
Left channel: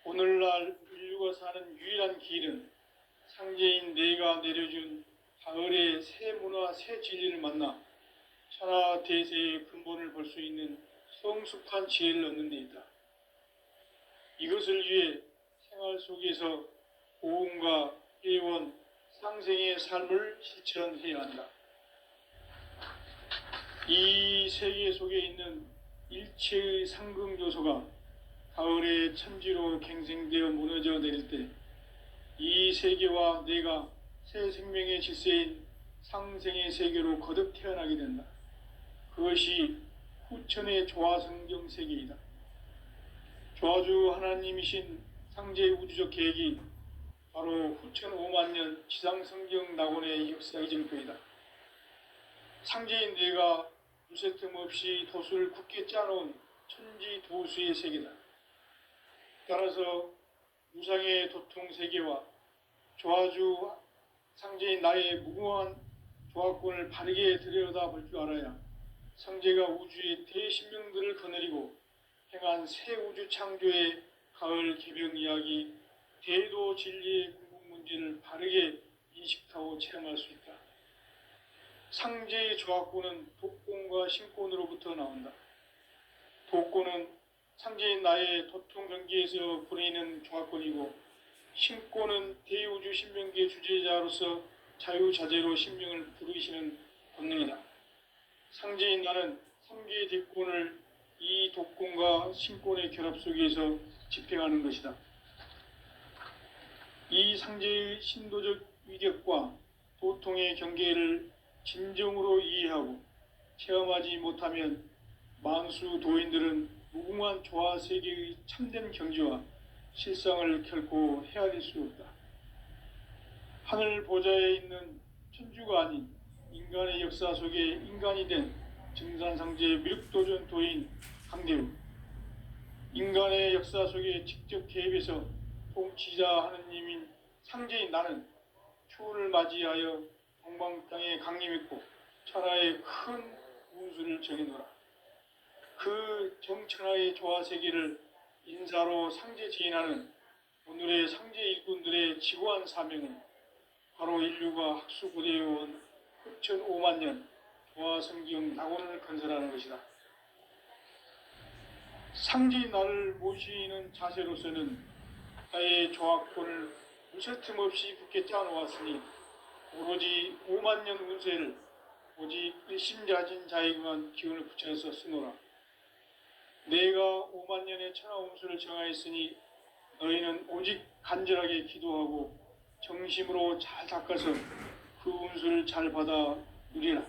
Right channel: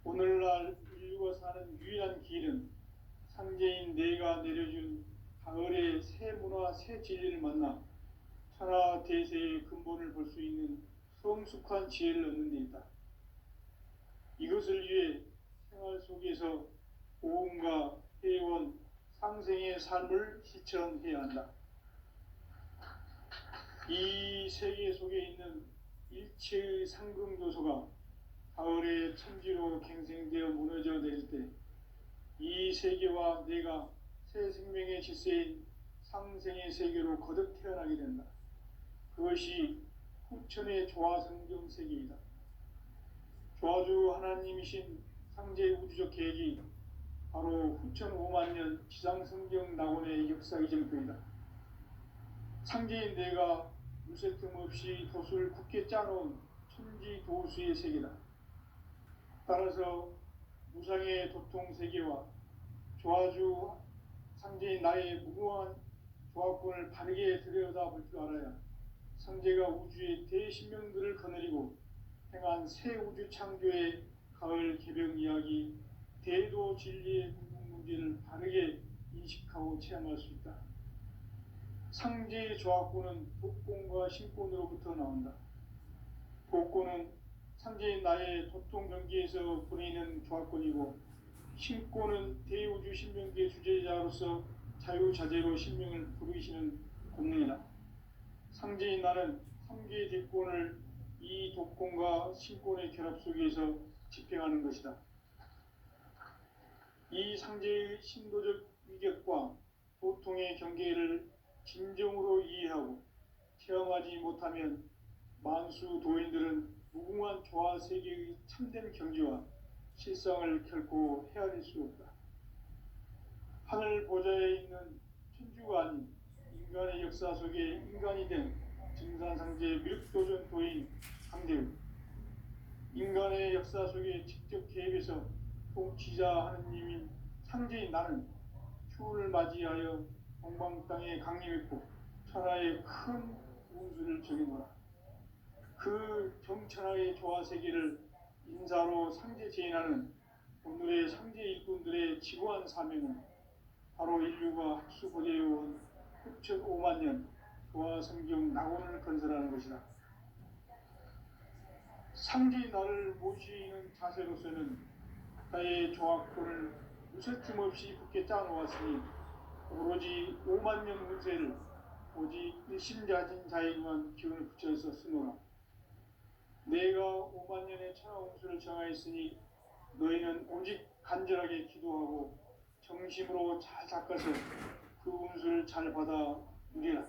오늘날 인류가 사는 유일한 길은 상제인 내가 내려준 가을의 새 문화, 새 진리를 만나 천하 대세의 근본을 볼 수 있는 성숙한 지혜를 얻는 데 있다. 이것을 위해 생활 속에서 고음과 회원, 상생의 삶을 실천해야 한다. 이 세계 속에 있는 일체의 상금 요소가 가을의 천지로 갱생되어 무너져 내릴 때 이 세계와 내가 새 생명의 질서인 상생의 세계로 거듭 태어나게 된다. 그것이 후천의 조화성경 세계이다. 조화주 하나님이신 상제의 우주적 계획이 바로 후천 5만 년 지상성경 낙원의 역사 이정표이다. 상제인 내가 무쇠틈 없이 도수를 굳게 짜놓은 천지 도수의 세계다. 따라서 무상의 도통 세계와 조화주 상제인 나의 무궁한 조화권을 바르게 들여다볼 줄 알아야 상제가 우주의 대신명들을 거느리고 행한 새 우주 창조의 가을 개벽 이야기, 대도 진리의 궁극 문제를 바르게 인식하고 체험할 수 있다. 상제의 조화권은 독권과 신권으로부터 나온다. 독권은 상제인 나의 도통 경계에서 보내는 조화권이고, 신권은 대우주 신명계 주제자로서 자유자재로 신명을 부르시는 본능이다. 상제인 나는 3개의 대권을 이 독권과 신권의 결합 속에서 집행하는 것이다. 이 상제의 신도적 위격과 도통의 경계를 진정으로 이해하고 체험하지 못하면 만수 도인들은 무궁한 조화 세계의 참된 경지와 실상을 결코 헤아릴 수 없다. 하늘 보좌에 있는 천주가 아닌 인간의 역사 속에 인간이 된 증산상제 미륵도전 도인 강대우, 인간의 역사 속에 직접 개입해서 통치자 하느님인 상제인 나는 추후를 맞이하여 동방 땅에 강림했고 천하의 큰 운수를 정해놓아 그 정천하의 조화 세계를 인사로 상제 지인하는 오늘의 상제 일꾼들의 지고한 사명은 바로 인류가 학수고대해온 흑천 5만 년 조화 성경 낙원을 건설하는 것이다. 상제인 나를 모시는 자세로서는 나의 조화권을 무쇠틈 없이 굳게 짜놓았으니 오로지 5만 년 운세를 오직 일심자진 자에게만 기운을 붙여서 쓰노라. 내가 5만 년의 천하 운수를 정하였으니 너희는 오직 간절하게 기도하고 정심으로 잘 닦아서 그 운수를 잘 받아 누리라.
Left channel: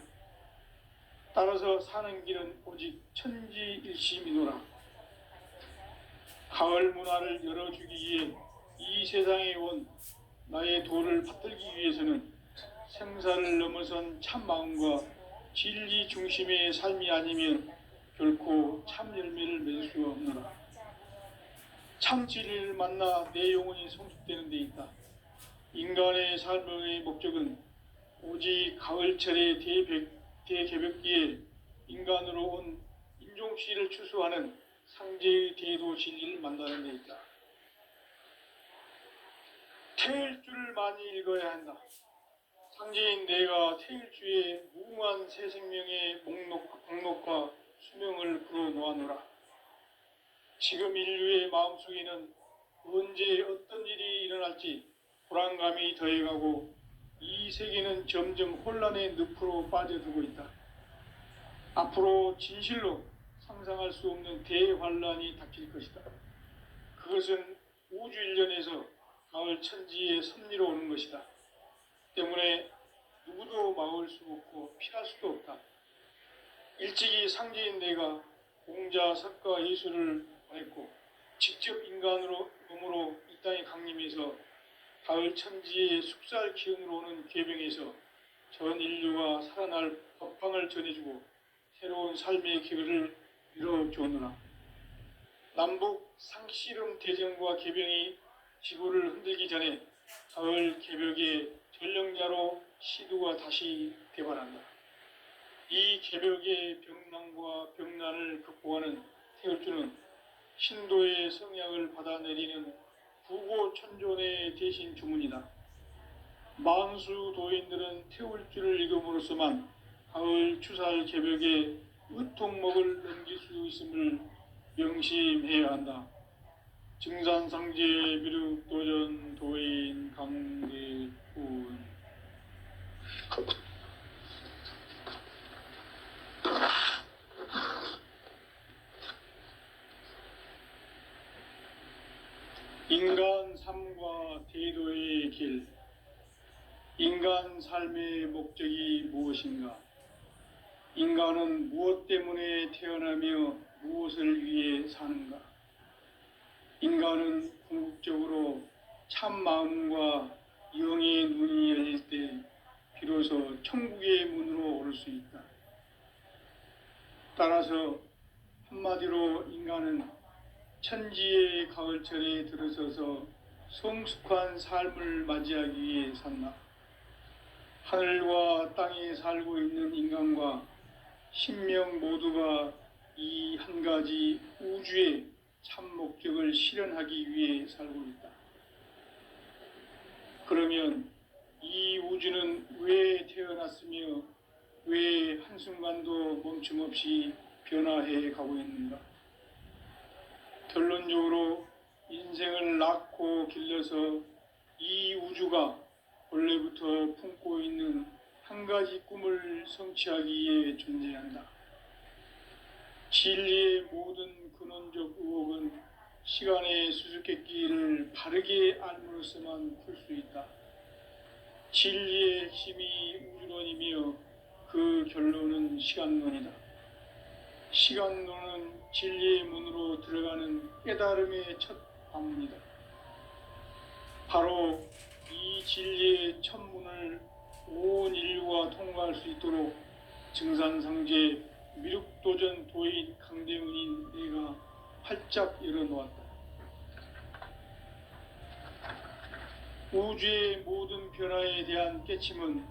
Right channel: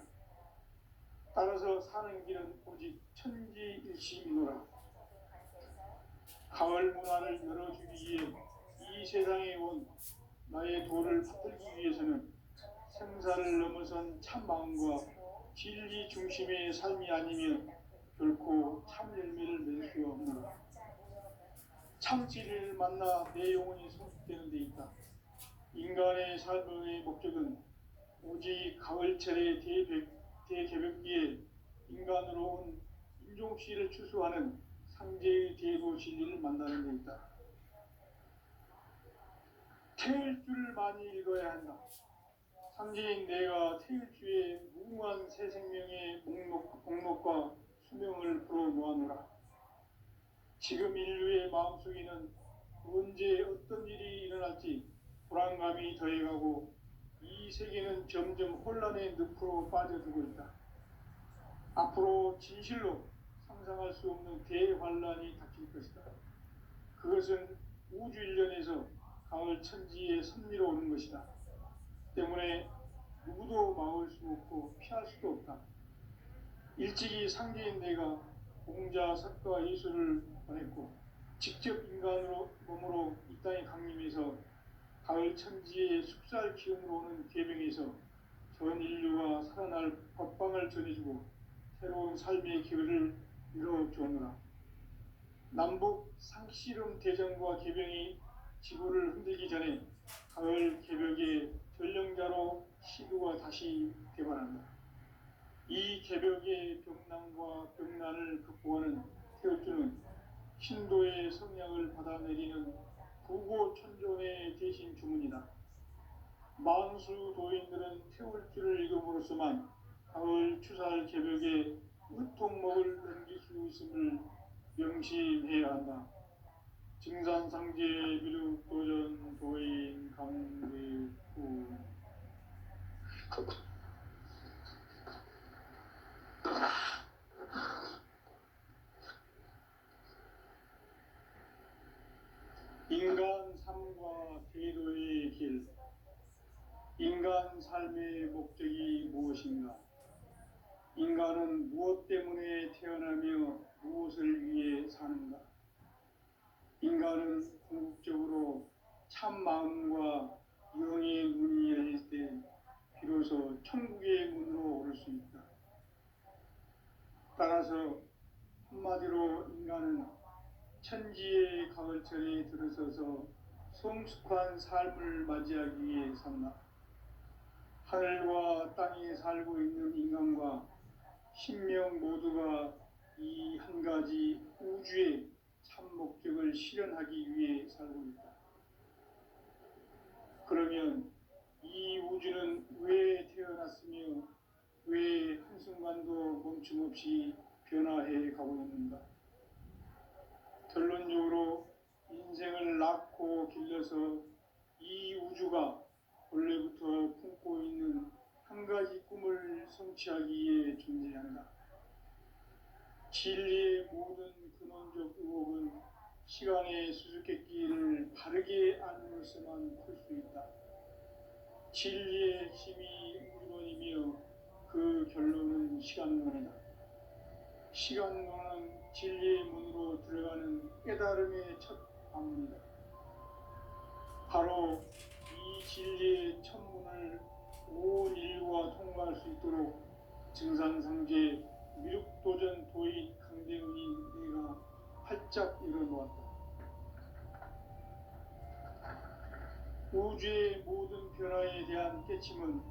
따라서 사는 길은 오직 천지일심이노라. 가을 문화를 열어주기 위해 이 세상에 온 나의 도를 받들기 위해서는 생사를 넘어선 참 마음과 진리 중심의 삶이 아니면 결코 참 열매를 맺을 수 없노라. 참 진리를 만나 내 영혼이 성숙되는 데 있다. 인간의 삶의 목적은 오직 가을철의 대개벽기에 인간으로 온 인종씨를 추수하는 상제의 대도 진리를 만나는 데 있다. 태일주를 많이 읽어야 한다. 상제인 내가 태일주의 무궁한 새 생명의 목록과 수명을 풀어놓아노라. 지금 인류의 마음속에는 언제 어떤 일이 일어날지 불안감이 더해가고 이 세계는 점점 혼란의 늪으로 빠져들고 있다. 앞으로 진실로 상상할 수 없는 대환란이 닥칠 것이다. 그것은 우주 일련에서 가을 천지의 섭리로 오는 것이다. 때문에 누구도 막을 수 없고 피할 수도 없다. 일찍이 상제인 내가 공자, 석가, 예수를 보냈고 직접 인간으로 몸으로 이 땅에 강림해서 가을 천지의 숙살 기운으로 오는 계명에서 전 인류가 살아날 법방을 전해주고 새로운 삶의 기회를 이뤄주었노라. 남북 상씨름 대전과 계병이 지구를 흔들기 전에 가을 개벽의 전령자로 시두가 다시 개발한다. 이 개벽의 병난과 병난을 극복하는 태울주는 신도의 성향을 받아내리는 구고천존의 대신 주문이다. 만수 도인들은 태울주를 읽음으로써만 가을 추살 개벽의 의통목을 넘길 수 있음을 명심해야 한다. 증산상제 미륵도전 도인 강대훈. 인간 삶과 대도의 길. 인간 삶의 목적이 무엇인가? 인간은 무엇 때문에 태어나며 무엇을 위해 사는가? 인간은 궁극적으로 참 마음과 영의 눈이 열릴 때 비로소 천국의 문으로 오를 수 있다. 따라서 한마디로 인간은 천지의 가을철에 들어서서 성숙한 삶을 맞이하기 위해 산다. 하늘과 땅에 살고 있는 인간과 신명 모두가 이 한 가지 우주의 참 목적을 실현하기 위해 살고 있다. 그러면 이 우주는 왜 태어났으며 왜 한순간도 멈춤없이 변화해 가고 있는가? 결론적으로 인생을 낳고 길러서 이 우주가 원래부터 품고 있는 한 가지 꿈을 성취하기 위해 존재한다. 진리의 모든 근원적 의혹은 시간의 수수께끼를 바르게 알므로서만 풀 수 있다. 진리의 핵심이 우주론이며 그 결론은 시간론이다. 시간론은 진리의 문으로 들어가는 깨달음의 첫 방문이다. 바로 이 진리의 첫 문을 온 인류가 통과할 수 있도록 증산상제 미륵도전 도인 강대문인 내가 활짝 열어놓았다. 우주의 모든 변화에 대한 깨침은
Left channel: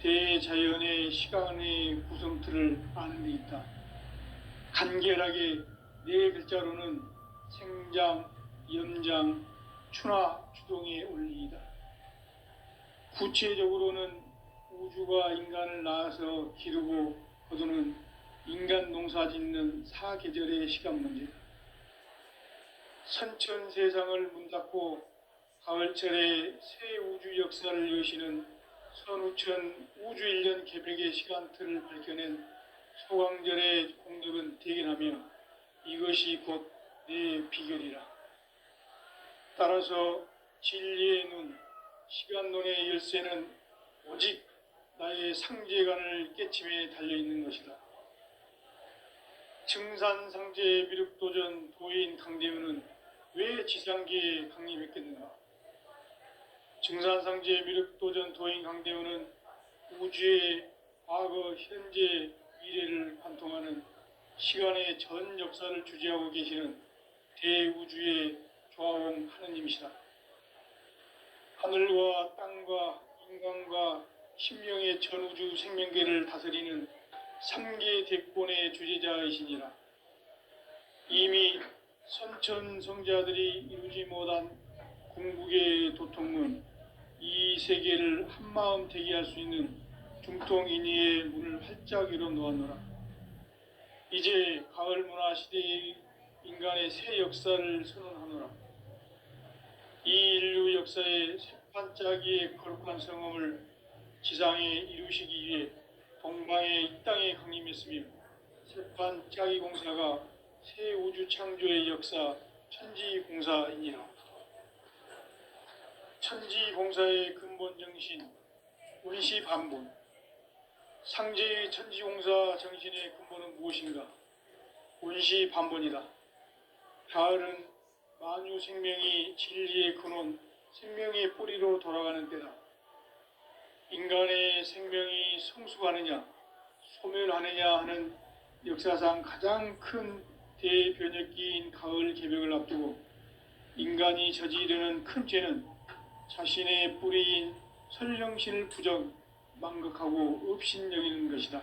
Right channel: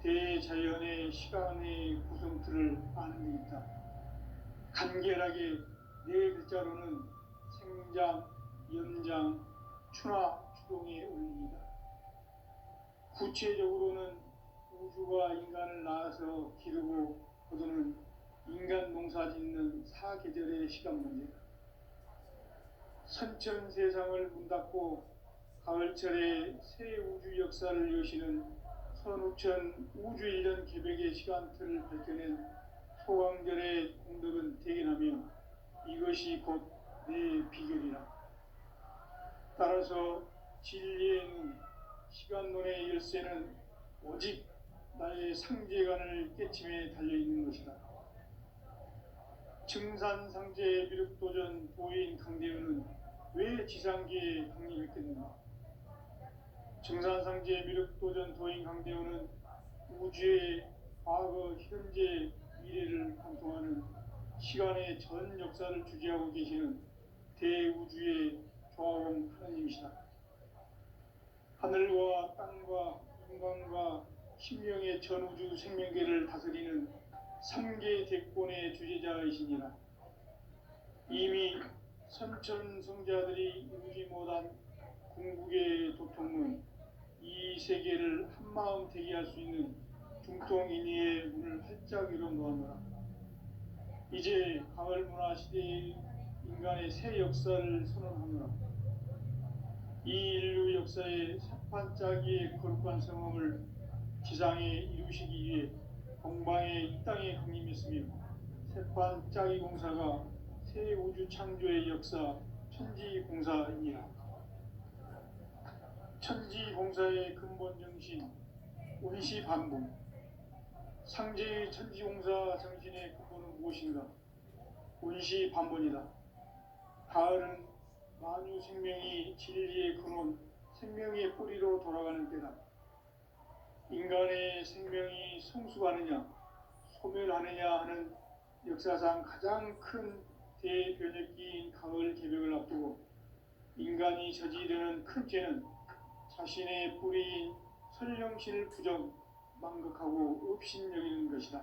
대자연의 시간의 구성틀을 아는 데 있다. 간결하게 네 글자로는 생장, 염장, 추나 추동의 원리이다. 구체적으로는 우주가 인간을 낳아서 기르고 거두는 인간 농사 짓는 사계절의 시간 문제다. 선천 세상을 문 닫고 가을철에 새 우주 역사를 여시는 선우천 우주일년 개백의 시간틀을 밝혀낸 소강절의 공덕은 대견하며 이것이 곧 내 비결이라. 따라서 진리의 눈, 시간론의 열쇠는 오직 나의 상제관을 깨침에 달려있는 것이다. 증산상제 미륵도전 도인 강대훈은 왜 지상계에 강림했겠는가? 증산상제 미륵도전 도인 강대훈은 우주의 과거, 현재, 미래를 관통하는 시간의 전 역사를 주재하고 계시는 대우주의 조화원 하느님이시다. 하늘과 땅과 인간과 신명의 전우주 생명계를 다스리는 3계 대권의 주재자이시니라. 이미 선천성자들이 이루지 못한 궁극의 도통문, 이 세계를 한마음 되게 할 수 있는 중통인의의 문을 활짝 열어놓았노라. 이제 가을 문화 시대의 인간의 새 역사를 선언하노라. 이 인류 역사의 새판짜기의 거룩한 성음을 지상에 이루시기 위해 동방의 이 땅에 강림했으며 새판짜기 공사가 새 우주 창조의 역사 천지공사이니라. 천지공사의 근본 정신 원시반본. 상제의 천지공사 정신의 근본은 무엇인가? 원시반본이다. 가을은 만유 생명이 진리의 근원, 생명의 뿌리로 돌아가는 때다. 인간의 생명이 성숙하느냐, 소멸하느냐 하는 역사상 가장 큰 대변혁기인 가을 개벽을 앞두고 인간이 저지르는 큰 죄는 자신의 뿌리인 설령신을 부정, 망극하고 업신여기는 것이다.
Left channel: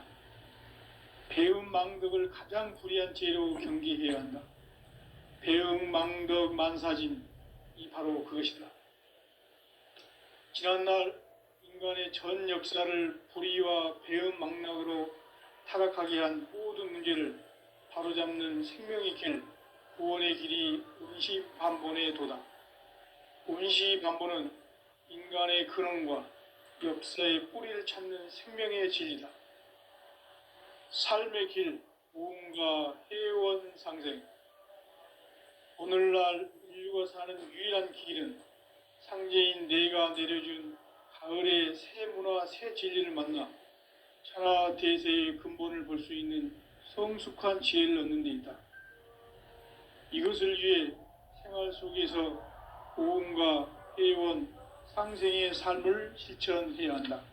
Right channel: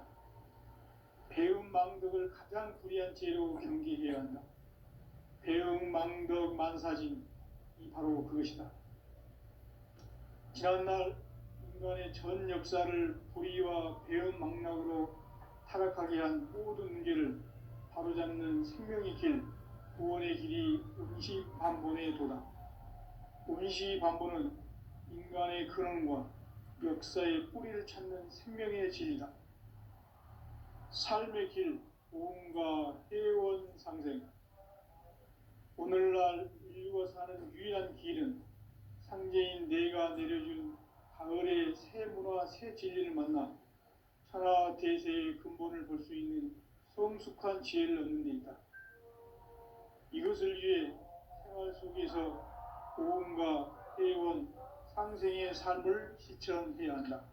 배움 망덕을 가장 불의한 죄로 경계해야 한다. 배움 망덕 만사진, 이 바로 그것이다. 지난날 인간의 전 역사를 불의와 배움 망락으로 타락하게 한 모든 문제를 바로잡는 생명의 길, 구원의 길이 원시반본의 도다. 원시반본은 인간의 근원과 역사의 뿌리를 찾는 생명의 진리다. 삶의 길, 보험과 해원 상생. 오늘날 인류가 사는 유일한 길은 상제인 내가 내려준 가을의 새 문화, 새 진리를 만나 천하 대세의 근본을 볼 수 있는 성숙한 지혜를 얻는 데 있다. 이것을 위해 생활 속에서 보험과 해원, 상생의 삶을 실천해야 한다.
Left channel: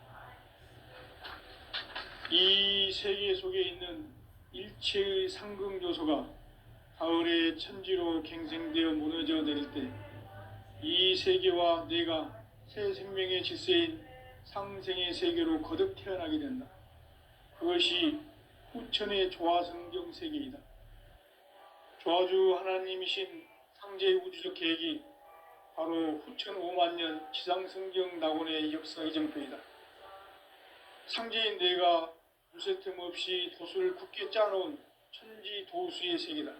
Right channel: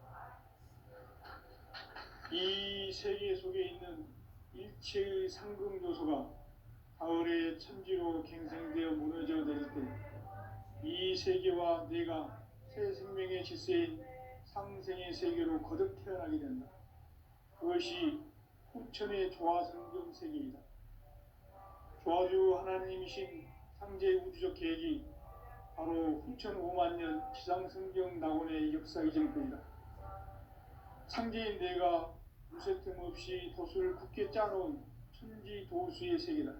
이 세계 속에 있는 일체의 상승조소가 가을의 천지로 갱생되어 무너져 내릴 때 이 세계와 내가 새 생명의 질서인 상생의 세계로 거듭 태어나게 된다. 그것이 후천의 조화성경 세계이다. 조화주 하나님이신 상제의 우주적 계획이 바로 후천 5만 년 지상성경 낙원의 역사 이정표이다. 상제인 내가 무쇠 틈 없이 도수를 굳게 짜놓은 천지 도수의 세계다.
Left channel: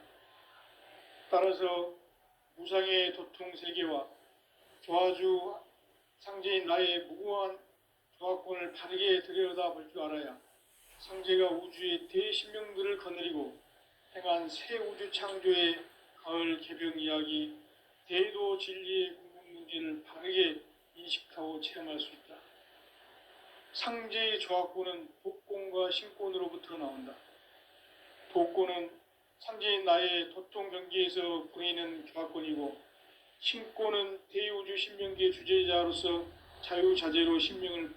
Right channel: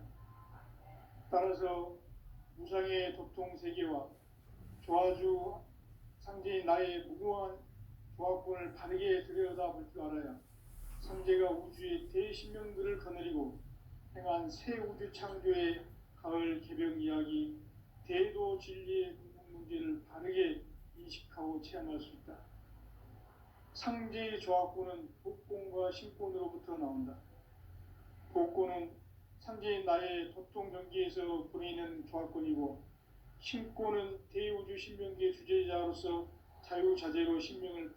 따라서 무상의 도통 세계와 조화주 상제인 나의 무궁한 조화권을 바르게 들여다볼 줄 알아야 상제가 우주의 대신명들을 거느리고 행한 새 우주 창조의 가을 개벽 이야기, 대도 진리의 궁극 문제를 바르게 인식하고 체험할 수 있다. 상제의 조합구는 복권과 신권으로부터 나온다. 복권은 상제인 나의 토종 경기에서 부리는 조합권이고, 신권은 대우주 신명기의 주제자로서 자유자재로 신명을